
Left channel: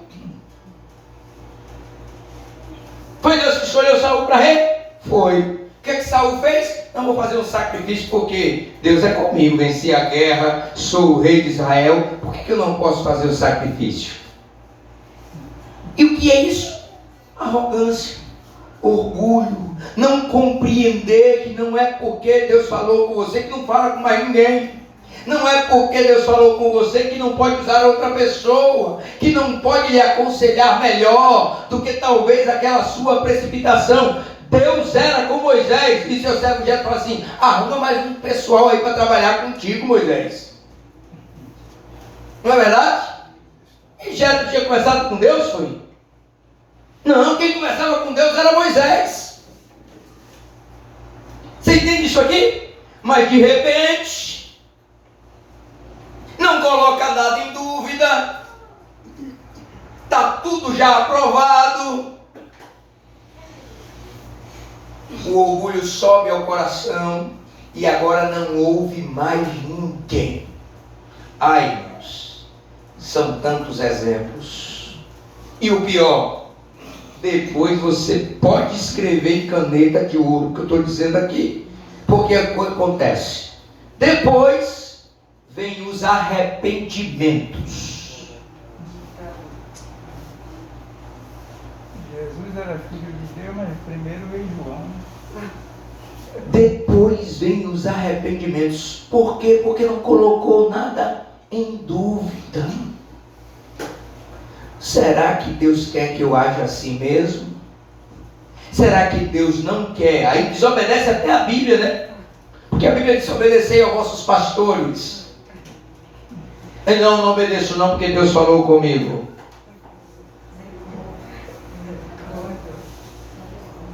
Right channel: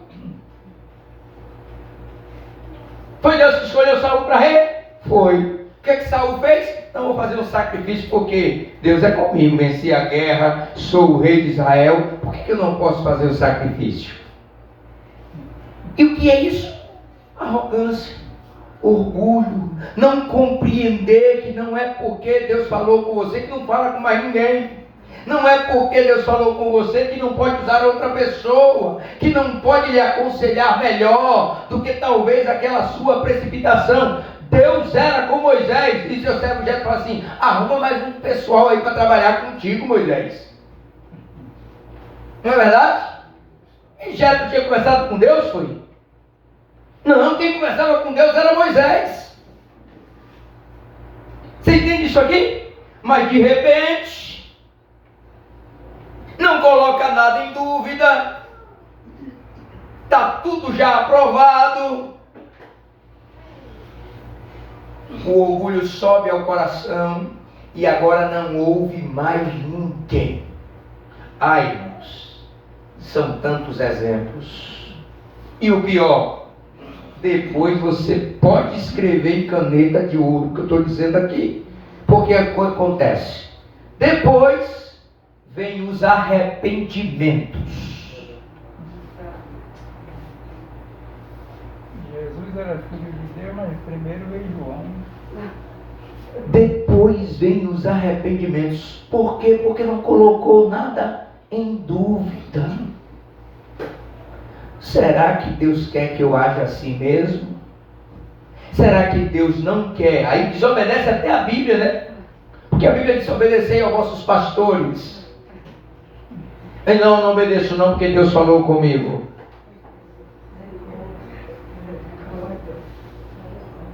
Foi Deus que escolheu Saul para rei? Foi. O que Saul fez? Não vou fazer um sacrifício porque Deus é comigo, venci a guerra, sou o rei de Israel, por que eu não posso fazer o sacrifício? E o que é isso? Arrogância, orgulho, não compreender que não é porque Deus falou com você que não fala com mais ninguém. Não é porque Deus falou com você que não pode usar outra pessoa, que não pode lhe aconselhar melhor do que talvez aquela sua precipitação. Deus era com Moisés, e seu servo Jetro falou assim: arruma mais um pessoal aí para trabalhar contigo, Moisés. Não é verdade? E Jetro tinha conversado com Deus, foi? Não, quem conversava com Deus era Moisés. Você entende isso aqui? Mas de repente, não coloca nada em dúvida, está tudo já aprovado. O orgulho sobe ao coração e agora não ouve mais ninguém. Ai, irmãos, são tantos exemplos. E o pior, depois você pode escrever em caneta de ouro o que eu estou dizendo aqui, porque acontece. Depois vem os arrependimentos. Jesus era filho de Deus, mas primeiro veio João. Depois vem os arrependimentos. Por quê? Porque não colocou nada em dúvida. Será que Deus quer que eu haja assim mesmo? Será que Deus não quer? Aí desobedece até a Bíblia, né? Porque a Bíblia diz: obedecei aos vossos pastores. E não obedeço não, porque Deus falou comigo.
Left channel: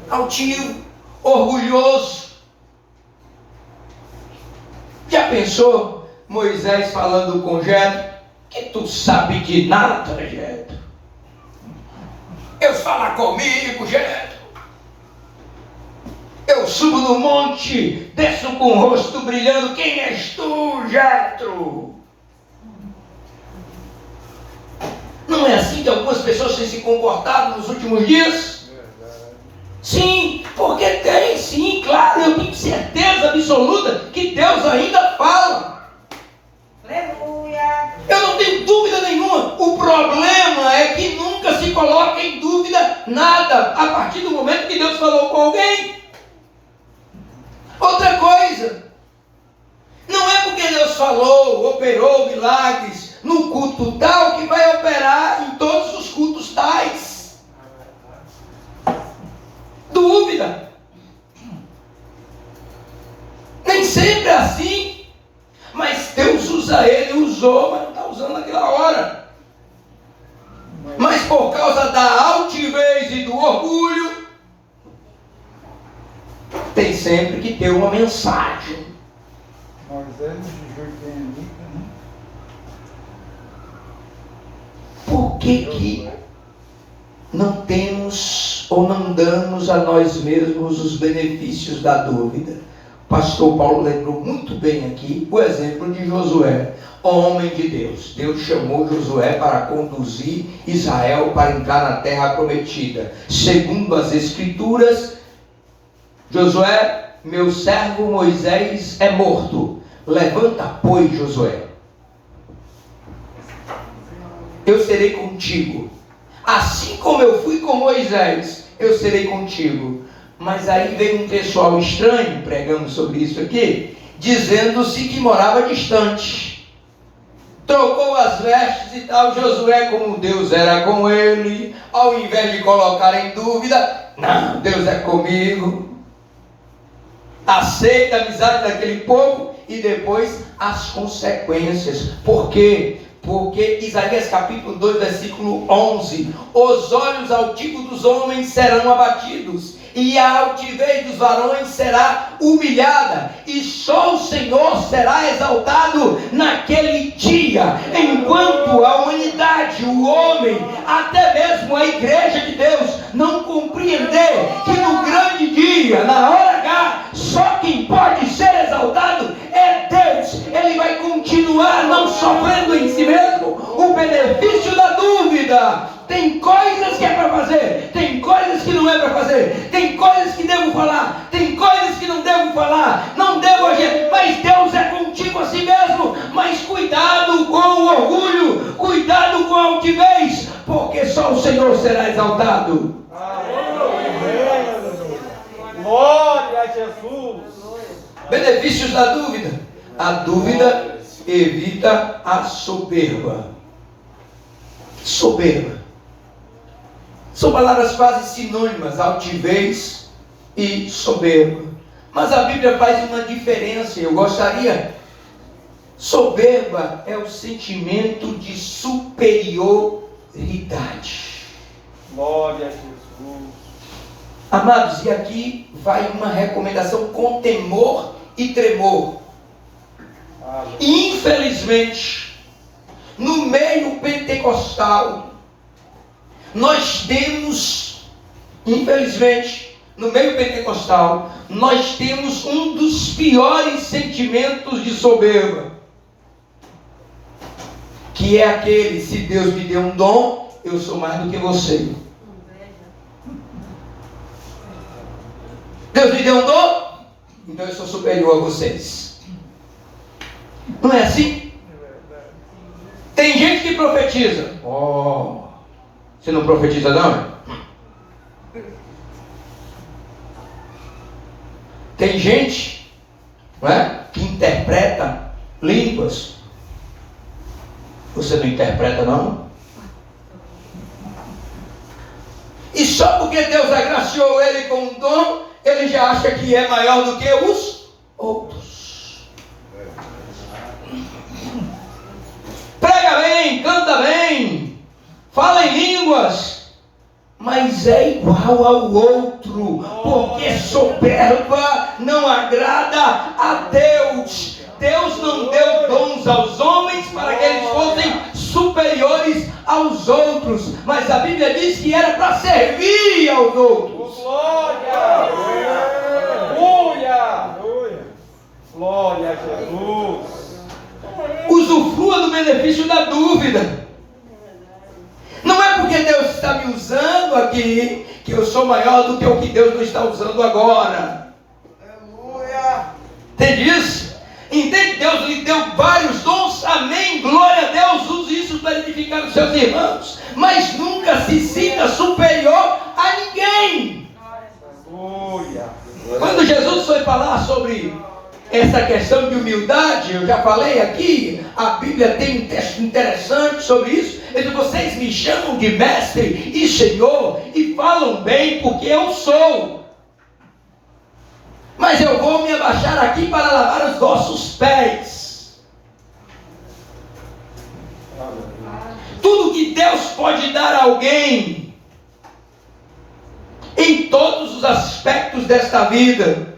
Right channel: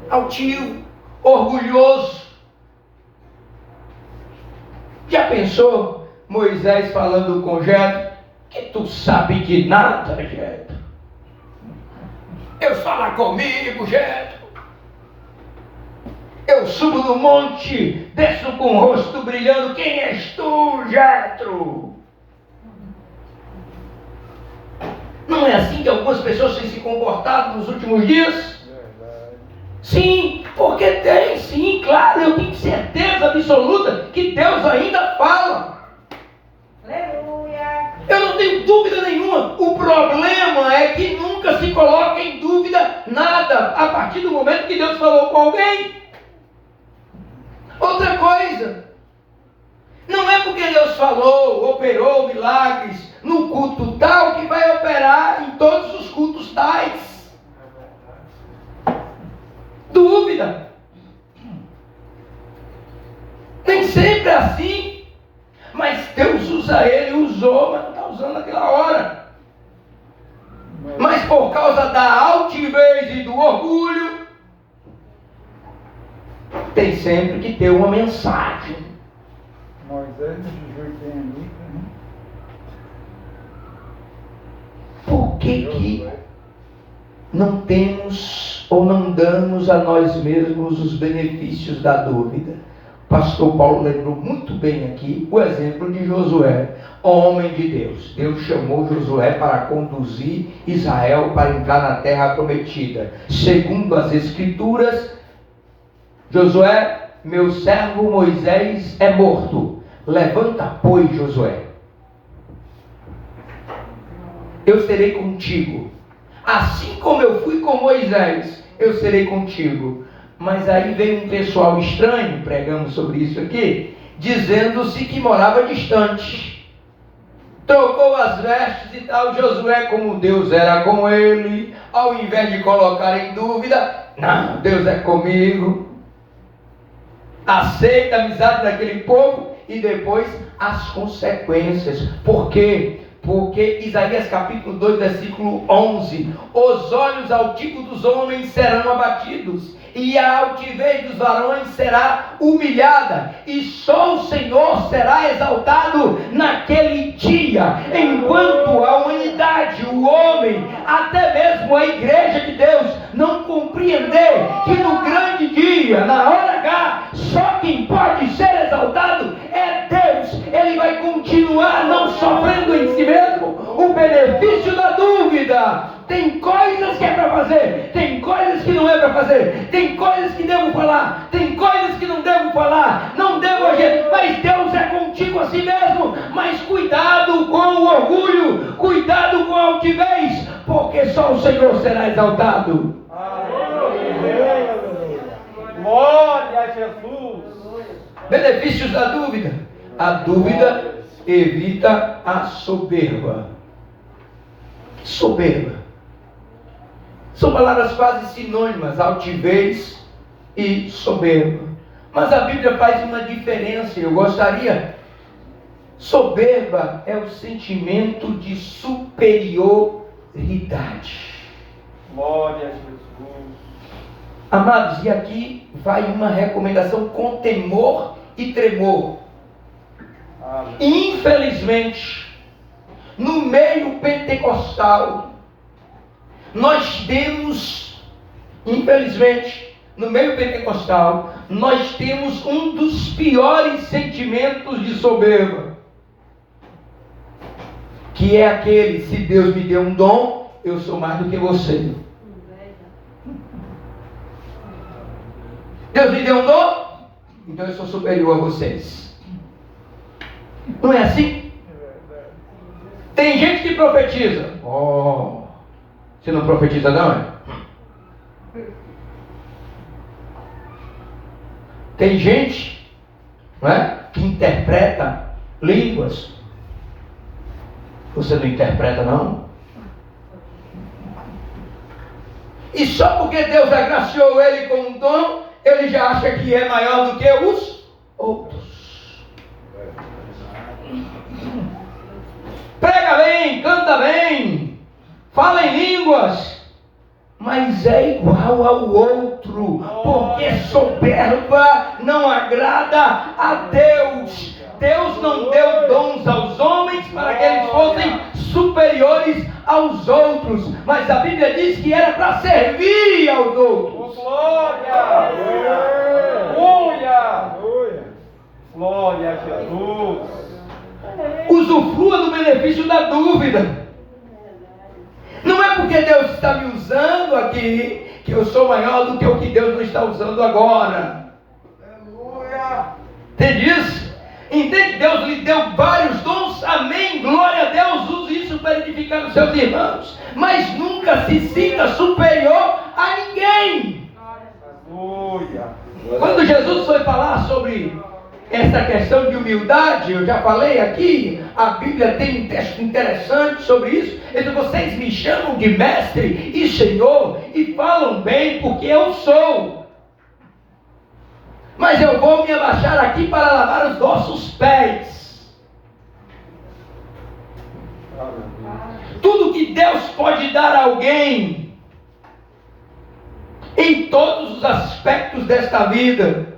Altivo, orgulhoso. Já pensou Moisés falando com Jetro? Que tu sabe de nada, Jetro. Deus fala comigo, Jetro. Eu subo no monte, desço com o rosto brilhando. Quem és tu, Jetro? Não é assim que algumas pessoas têm se comportado nos últimos dias? Sim, porque tem, sim, claro, eu tenho certeza absoluta que Deus ainda fala. Aleluia. Eu não tenho dúvida nenhuma. O problema é que nunca se coloca em dúvida nada a partir do momento que Deus falou com alguém. Outra coisa, não é porque Deus falou, operou milagres no culto tal que vai operar em todos os cultos tais. Dúvida. Nem sempre é assim. Mas Deus usa ele, usou, mas não está usando naquela hora. Mas por causa da altivez e do orgulho, tem sempre que ter uma mensagem. Moisés de Jordanica, né? Por que não temos ou não damos a nós mesmos os benefícios da dúvida? O pastor Paulo lembrou muito bem aqui o exemplo de Josué, homem de Deus. Deus chamou Josué para conduzir Israel para entrar na terra prometida. Segundo as Escrituras, Josué, meu servo Moisés é morto. Levanta, pois, Josué. Eu serei contigo. Assim como eu fui com Moisés, eu serei contigo. Mas aí veio um pessoal estranho, pregando sobre isso aqui, dizendo-se que morava distante. Trocou as vestes e tal. Josué, como Deus era com ele, ao invés de colocar em dúvida, não, Deus é comigo. Aceita a amizade daquele povo e depois as consequências. Por quê? Porque Isaías capítulo 2, versículo 11: os olhos altivos dos homens serão abatidos, e a altivez dos varões será humilhada, e só o Senhor será exaltado naquele dia. Enquanto a humanidade, o homem, até mesmo a igreja de Deus, não compreender que no grande dia, na hora H, só quem pode ser exaltado é Deus, ele vai continuar não sofrendo em si mesmo o benefício da dúvida. Tem coisas que é para fazer, tem coisas que não é para fazer, tem coisas que devo falar, tem coisas que não devo falar, não devo agir, mas Deus é contigo a si mesmo. Mas cuidado com o orgulho, cuidado com a altivez, porque só o Senhor será exaltado. Aleluia. Glória a Jesus. Benefícios da dúvida. A dúvida evita a soberba. Soberba. São palavras quase sinônimas, altivez e soberba. Mas a Bíblia faz uma diferença, eu gostaria. Soberba é o sentimento de superioridade. Glória a Jesus. Amados, e aqui vai uma recomendação com temor e tremor. Infelizmente, no meio pentecostal, nós temos um dos piores sentimentos de soberba, que é aquele: se Deus me deu um dom, eu sou mais do que você. Deus me deu um dom, então eu sou superior a vocês. Não é assim? Tem gente que profetiza. Oh, você não profetiza não? Tem gente, não é, que interpreta línguas. Você não interpreta não? E só porque Deus agraciou ele com um dom, ele já acha que é maior do que os outros. Prega bem, canta bem, fala em línguas, mas é igual ao outro, porque soberba não agrada a Deus. Deus não deu dons aos homens para que eles fossem superiores aos outros, mas a Bíblia diz que era para servir aos outros. Glória! Aleluia! Glória a Jesus! Usufrua do benefício da dúvida. Não é porque Deus está me usando aqui que eu sou maior do que o que Deus não está usando agora. Aleluia. Entende isso? Entende? Deus lhe deu vários dons, amém, glória a Deus, use isso para edificar os seus irmãos, mas nunca se sinta superior a ninguém. Aleluia. Quando Jesus foi falar sobre essa questão de humildade, eu já falei aqui, a Bíblia tem um texto interessante sobre isso. Ele diz: vocês me chamam de mestre e senhor e falam bem porque eu sou. Mas eu vou me abaixar aqui para lavar os vossos pés. Tudo que Deus pode dar a alguém, em todos os aspectos desta vida,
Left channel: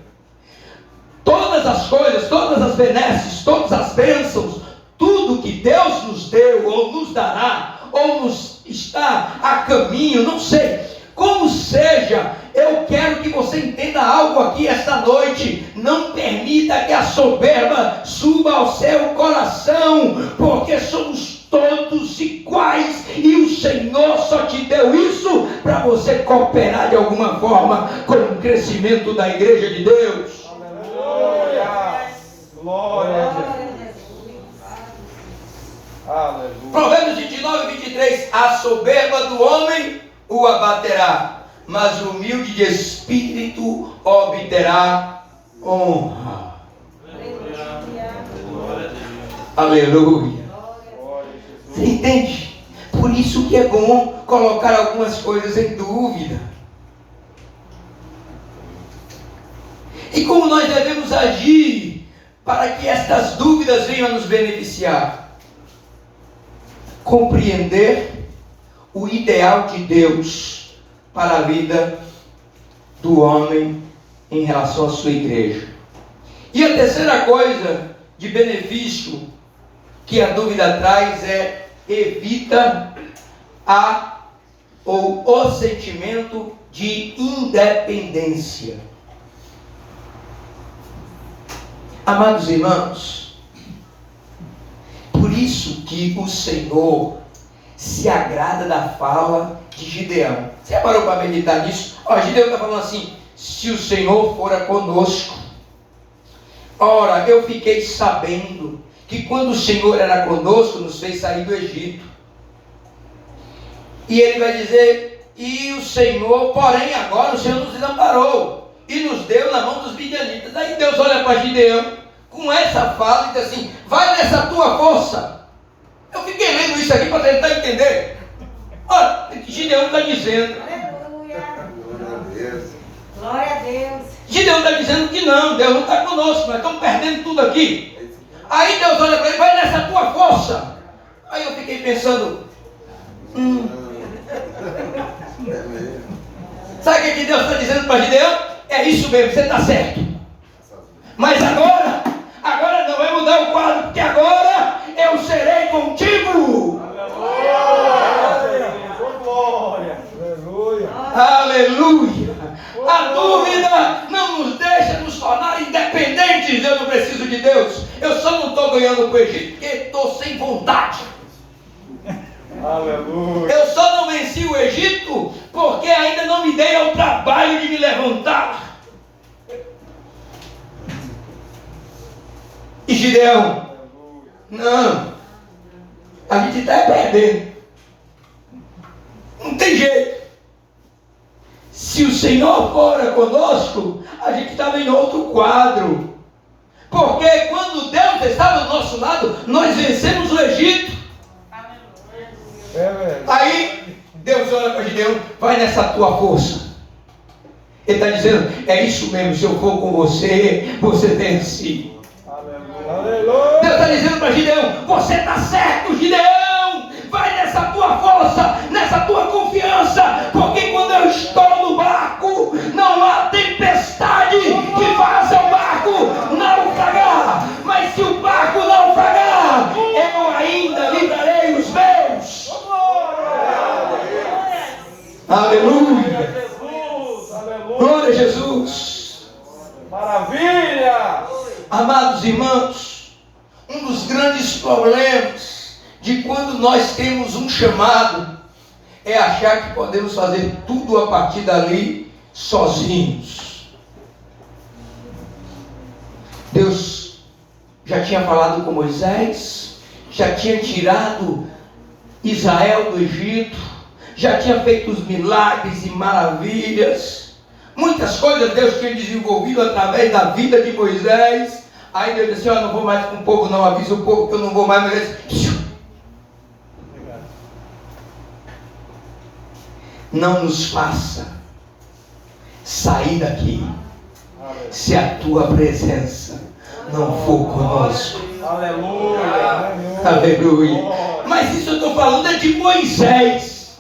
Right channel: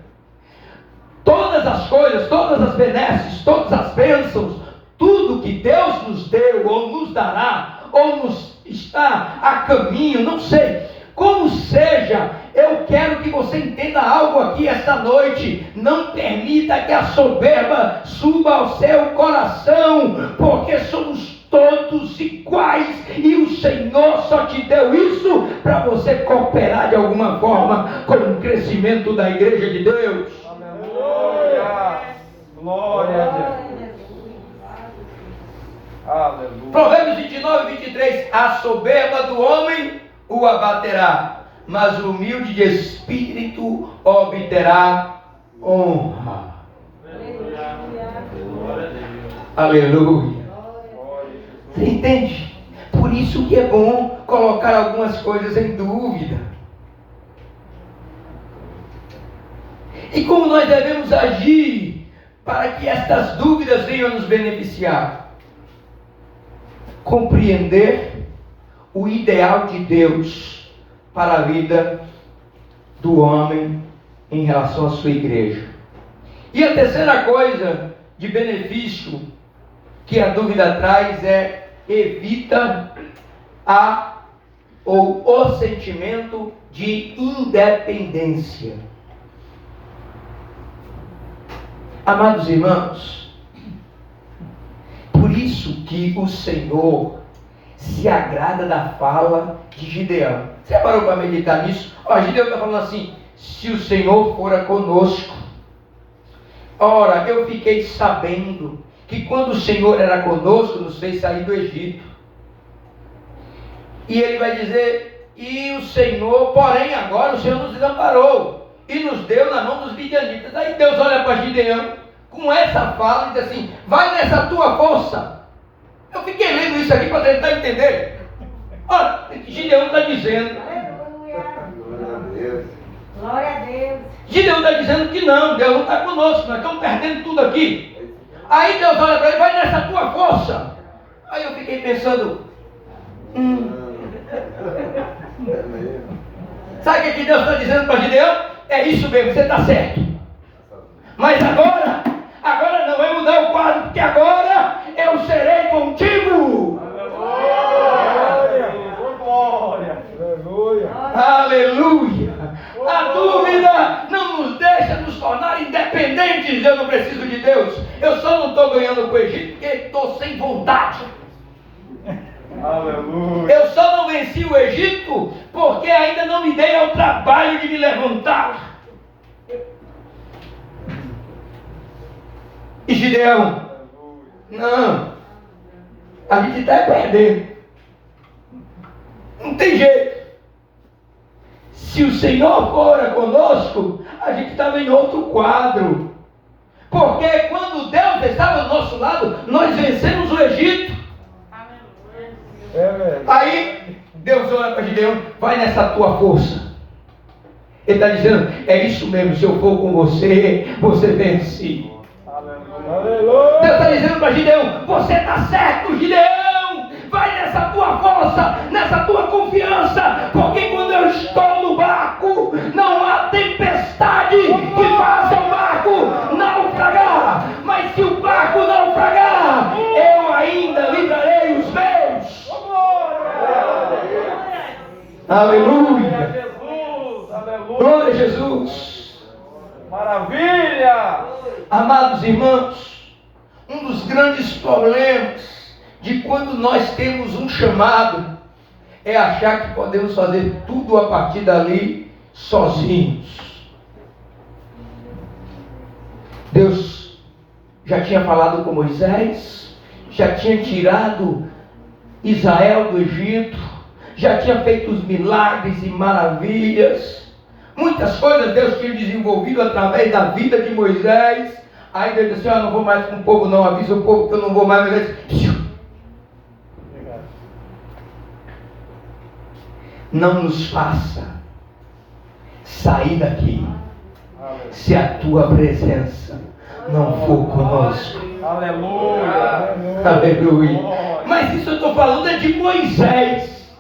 todas as coisas, todas as benesses, todas as bênçãos, tudo que Deus nos deu, ou nos dará, ou nos está a caminho, não sei, como seja, eu quero que você entenda algo aqui esta noite. Não permita que a soberba suba ao seu coração, porque somos todos iguais, e o Senhor só te deu isso para você cooperar de alguma forma com o crescimento da igreja de Deus. Aleluia. Glória a Deus. Aleluia. Provérbios 29, 23. A soberba do homem o abaterá, mas o humilde de espírito obterá honra. Aleluia. Você entende? Por isso que é bom colocar algumas coisas em dúvida. E como nós devemos agir para que estas dúvidas venham a nos beneficiar? Compreender o ideal de Deus para a vida do homem em relação à sua igreja. E a terceira coisa de benefício que a dúvida traz é: evita o sentimento de independência. Amados irmãos, por isso que o Senhor se agrada da fala de Gideão. Você parou para meditar nisso? Gideão está falando assim: se o Senhor fora conosco. Ora, eu fiquei sabendo que quando o Senhor era conosco, nos fez sair do Egito. E ele vai dizer: e o Senhor, porém agora o Senhor nos desamparou e nos deu na mão dos midianitas. Aí Deus olha para Gideão com essa fala e diz assim: vai nessa tua força. Eu fiquei lendo isso aqui para tentar entender. Olha, Gideão está dizendo. Aleluia. Glória a Deus. Glória a Deus. Gideão está dizendo que não, Deus não está conosco, nós estamos perdendo tudo aqui. Aí Deus olha para ele: vai nessa tua força. Aí eu fiquei pensando, É mesmo. sabe o que Deus está dizendo para Gideão? É isso mesmo, você está certo. Mas agora não vai mudar o quadro, porque agora eu serei contigo. Glória. Glória. Aleluia. Aleluia. A dúvida não nos deixa nos tornar independentes. Eu não preciso de Deus. Eu só não estou ganhando com o Egito porque estou sem vontade. Aleluia. Eu só não venci o Egito porque ainda não me dei ao trabalho de me levantar. E Gideão: não, a gente está perdendo. Não tem jeito. Se o Senhor fora conosco, a gente estava em outro quadro. Porque quando Deus estava do nosso lado, nós vencemos o Egito. É verdade. Aí Deus olha para Gideão: vai nessa tua força. Ele está dizendo: é isso mesmo, se eu for com você, você vence. Aleluia. Deus está dizendo para Gideão: você está certo, Gideão. Vai nessa tua força, nessa tua confiança, porque quando eu estou no barco, não há tempestade que faça o barco naufragar. Mas se o barco naufragar, eu ainda livrarei os meus. Aleluia. Jesus. Aleluia. Glória a Jesus. Maravilha. Amados irmãos, um dos grandes problemas de quando nós temos um chamado é achar que podemos fazer tudo a partir dali sozinhos. Deus já tinha falado com Moisés, já tinha tirado Israel do Egito, já tinha feito os milagres e maravilhas, muitas coisas Deus tinha desenvolvido através da vida de Moisés. Aí Deus disse: não vou mais com o povo não, avisa o povo que eu não vou mais. Não nos faça sair daqui se a tua presença não for conosco. Aleluia. Aleluia. Mas isso eu estou falando é de Moisés.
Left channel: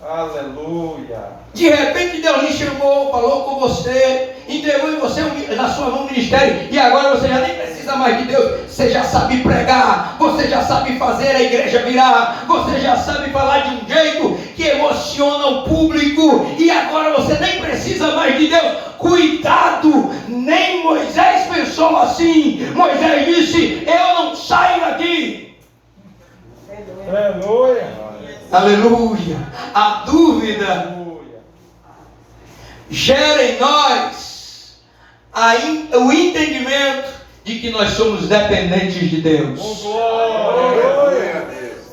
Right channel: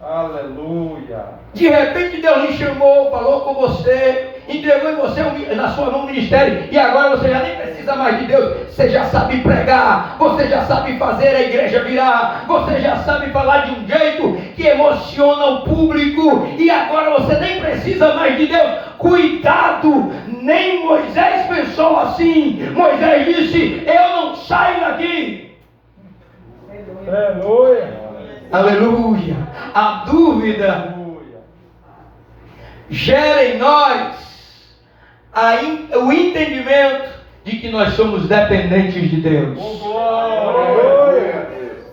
Aleluia. De repente Deus lhe chamou, falou com você, entregou em você na sua mão o ministério, e agora você já nem precisa mais de Deus. Você já sabe pregar, você já sabe fazer a igreja virar, você já sabe falar de um jeito que emociona o público, e agora você nem precisa mais de Deus. Cuidado, nem Moisés pensou assim. Moisés disse: eu não saio daqui. Aleluia. Aleluia. A dúvida gera em nós o entendimento de que nós somos dependentes de Deus. Glória a Deus.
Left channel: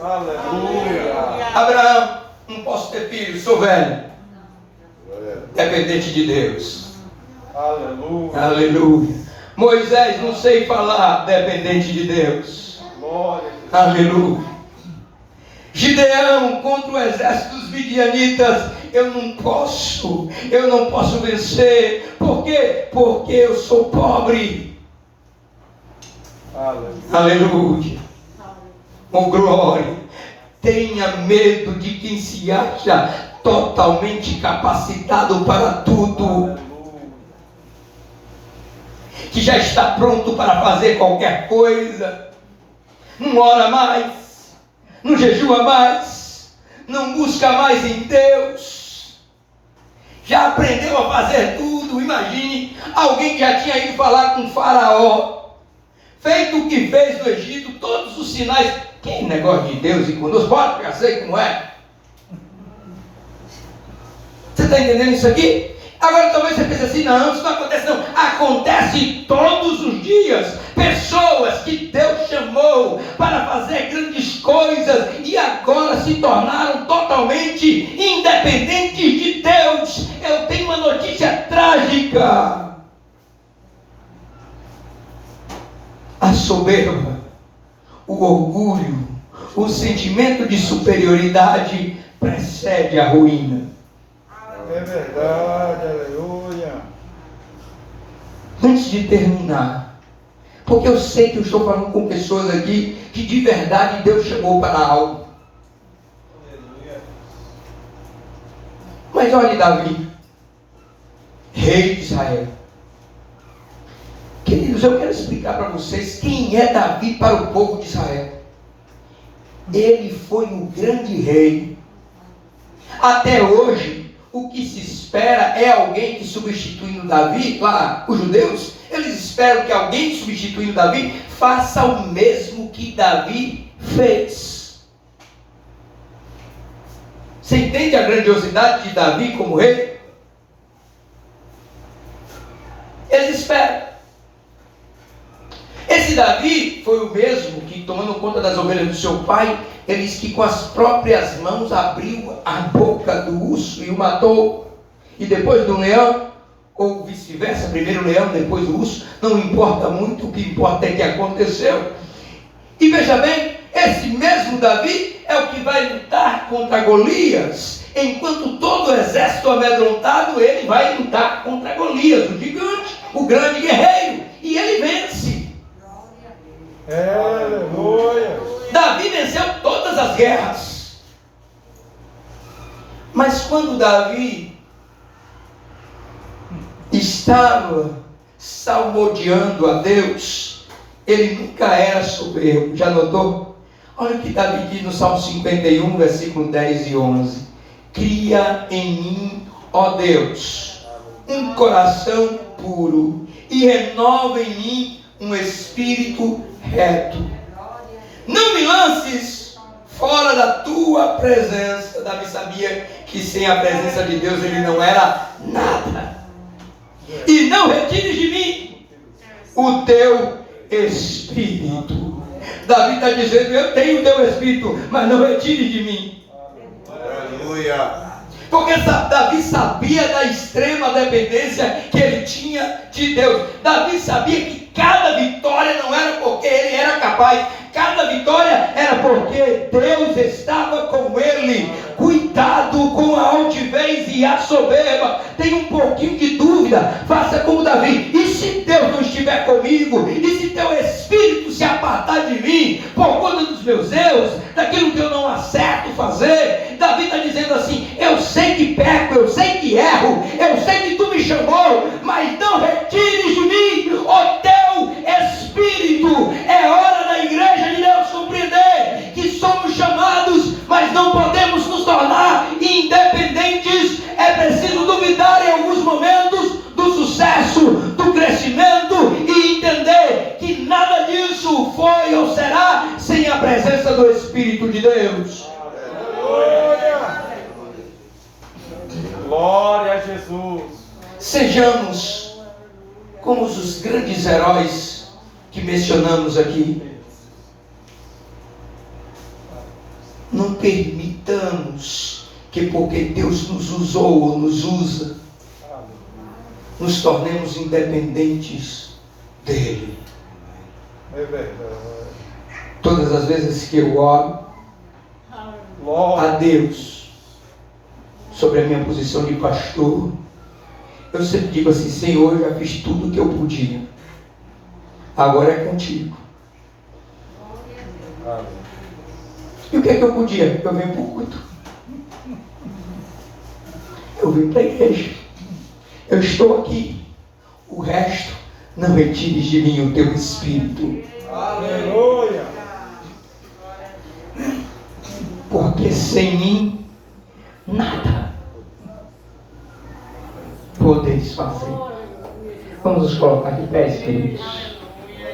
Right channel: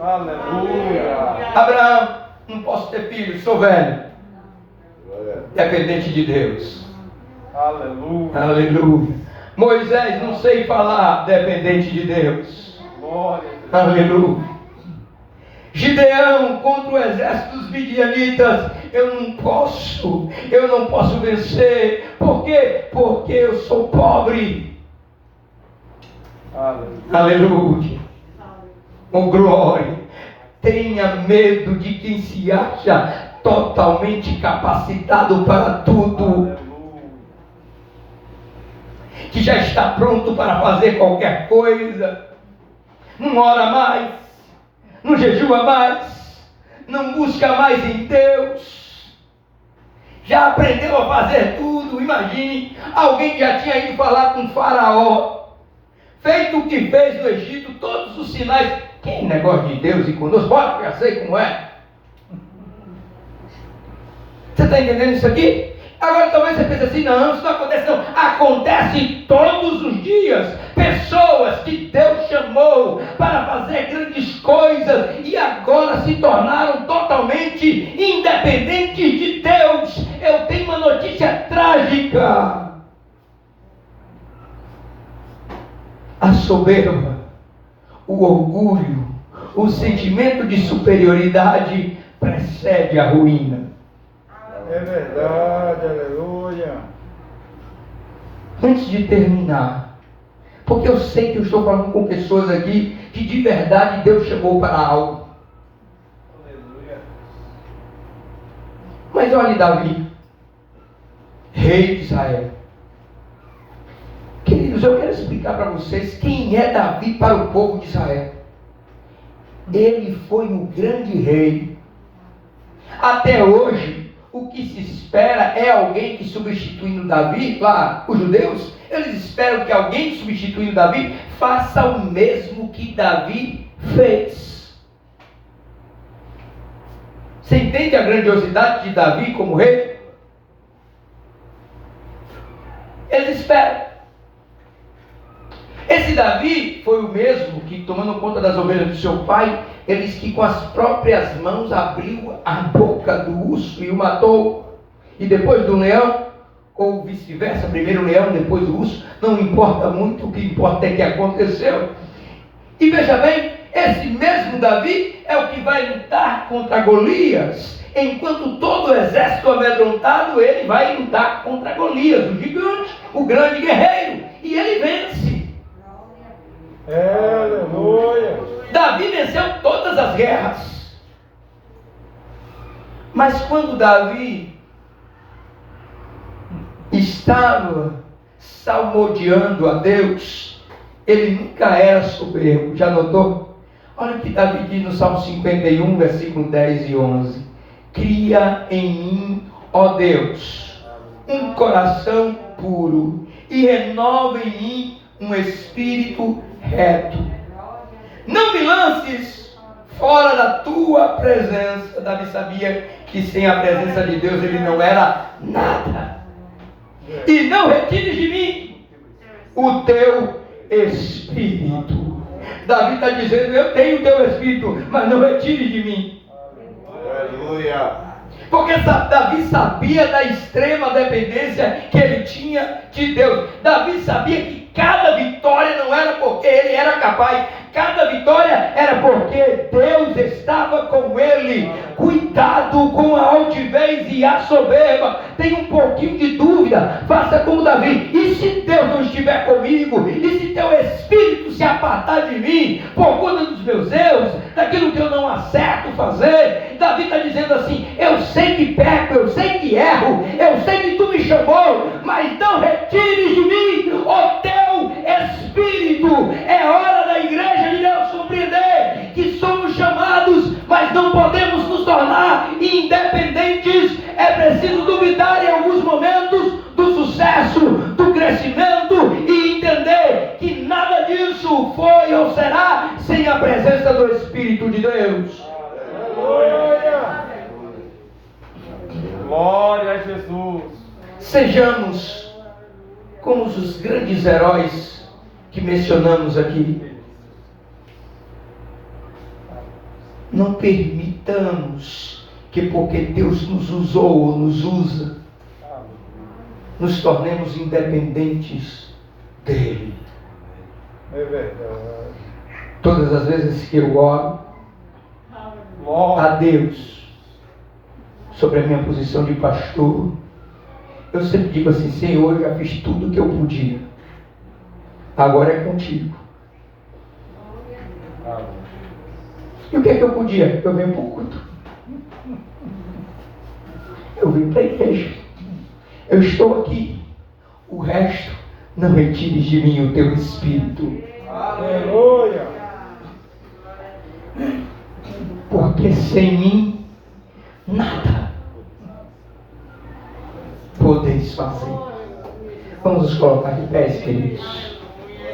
Aleluia. Abraão: não posso ter filho, sou velho. Dependente de Deus. Aleluia. Aleluia. Moisés: não sei falar, dependente de Deus. Glória a Deus. Aleluia. Gideão contra o exército dos midianitas: eu não posso vencer. Por quê? Porque eu sou pobre. Aleluia. Aleluia. Oh glória. Tenha medo de quem se acha totalmente capacitado para tudo, que já está pronto para fazer qualquer coisa. Não ora mais, não jejua mais, não busca mais em Deus, já aprendeu a fazer tudo. Imagine alguém que já tinha ido falar com o faraó, feito o que fez no Egito, todos os sinais. Que negócio de Deus e conosco, bora, já sei como é. Você está entendendo isso aqui? Agora talvez você pense assim: não, isso não acontece não. Acontece todos os dias. Pessoas que Deus chamou para fazer grandes coisas e agora se tornaram totalmente independentes de Deus. Eu tenho uma notícia trágica. A soberba, o orgulho, o sentimento de superioridade precede a ruína. É verdade, aleluia. Antes de terminar, porque eu sei que eu estou falando com pessoas aqui que de verdade Deus chamou para algo. Mas olhe Davi, rei de Israel. Queridos, eu quero explicar para vocês quem é Davi para o povo de Israel. Ele foi um grande rei. Até hoje, o que se espera é alguém que, substituindo Davi, lá, os judeus, eles esperam que alguém substituindo Davi faça o mesmo que Davi fez. Você entende a grandiosidade de Davi como rei? Eles esperam. Esse Davi foi o mesmo que, tomando conta das ovelhas do seu pai, ele disse que com as próprias mãos abriu a boca do urso e o matou. E depois do leão, ou vice-versa, primeiro o leão, depois o urso, não importa muito, o que importa é que aconteceu. E veja bem, esse mesmo Davi é o que vai lutar contra Golias. Enquanto todo o exército amedrontado, ele vai lutar contra Golias, o gigante, o grande guerreiro, e ele vence. Aleluia. Davi venceu todas as guerras. Mas quando Davi estava salmodiando a Deus, ele nunca era soberbo. Já notou? Olha o que Davi diz no Salmo 51, versículo 10 e 11. Cria em mim, ó Deus, um coração puro e renova em mim um espírito reto. Não me lances fora da tua sua presença. Davi sabia que sem a presença de Deus ele não era nada. E não retires de mim o teu Espírito. Davi está dizendo: eu tenho o teu Espírito, mas não retire de mim. Aleluia. Porque Davi sabia da extrema dependência que ele tinha de Deus. Davi sabia que cada vitória não era porque ele era capaz, cada vitória era porque Deus estava com ele. Cuidado com a altivez e a soberba. Tem um pouquinho de dúvida, faça como Davi: e se Deus não estiver comigo? E se teu Espírito se apartar de mim por conta dos meus erros, daquilo que eu não acerto fazer? Davi está dizendo assim: eu sei que peco, eu sei que erro, eu sei que tu me chamou, mas não retires de mim o teu Espírito. É hora da igreja de Deus compreender que somos chamados, mas não podemos nos tornar independentes. É preciso duvidar em alguns momentos do sucesso, do crescimento, e entender que nada disso foi ou será sem a presença do Espírito de Deus. Aleluia. Glória a Jesus. Sejamos como os grandes heróis que mencionamos aqui. Não permitamos que, porque Deus nos usou ou nos usa, nos tornemos independentes dele. É verdade. Todas as vezes que eu oro a Glória. Deus sobre a minha posição de pastor, eu sempre digo assim: Senhor, eu já fiz tudo o que eu podia, agora é contigo. E o que é que eu podia? Eu venho para o culto, eu vim para a igreja, eu estou aqui. O resto, não retires de mim o teu Espírito. Aleluia. Porque sem mim nada podeis fazer. Vamos nos colocar de pé, queridos.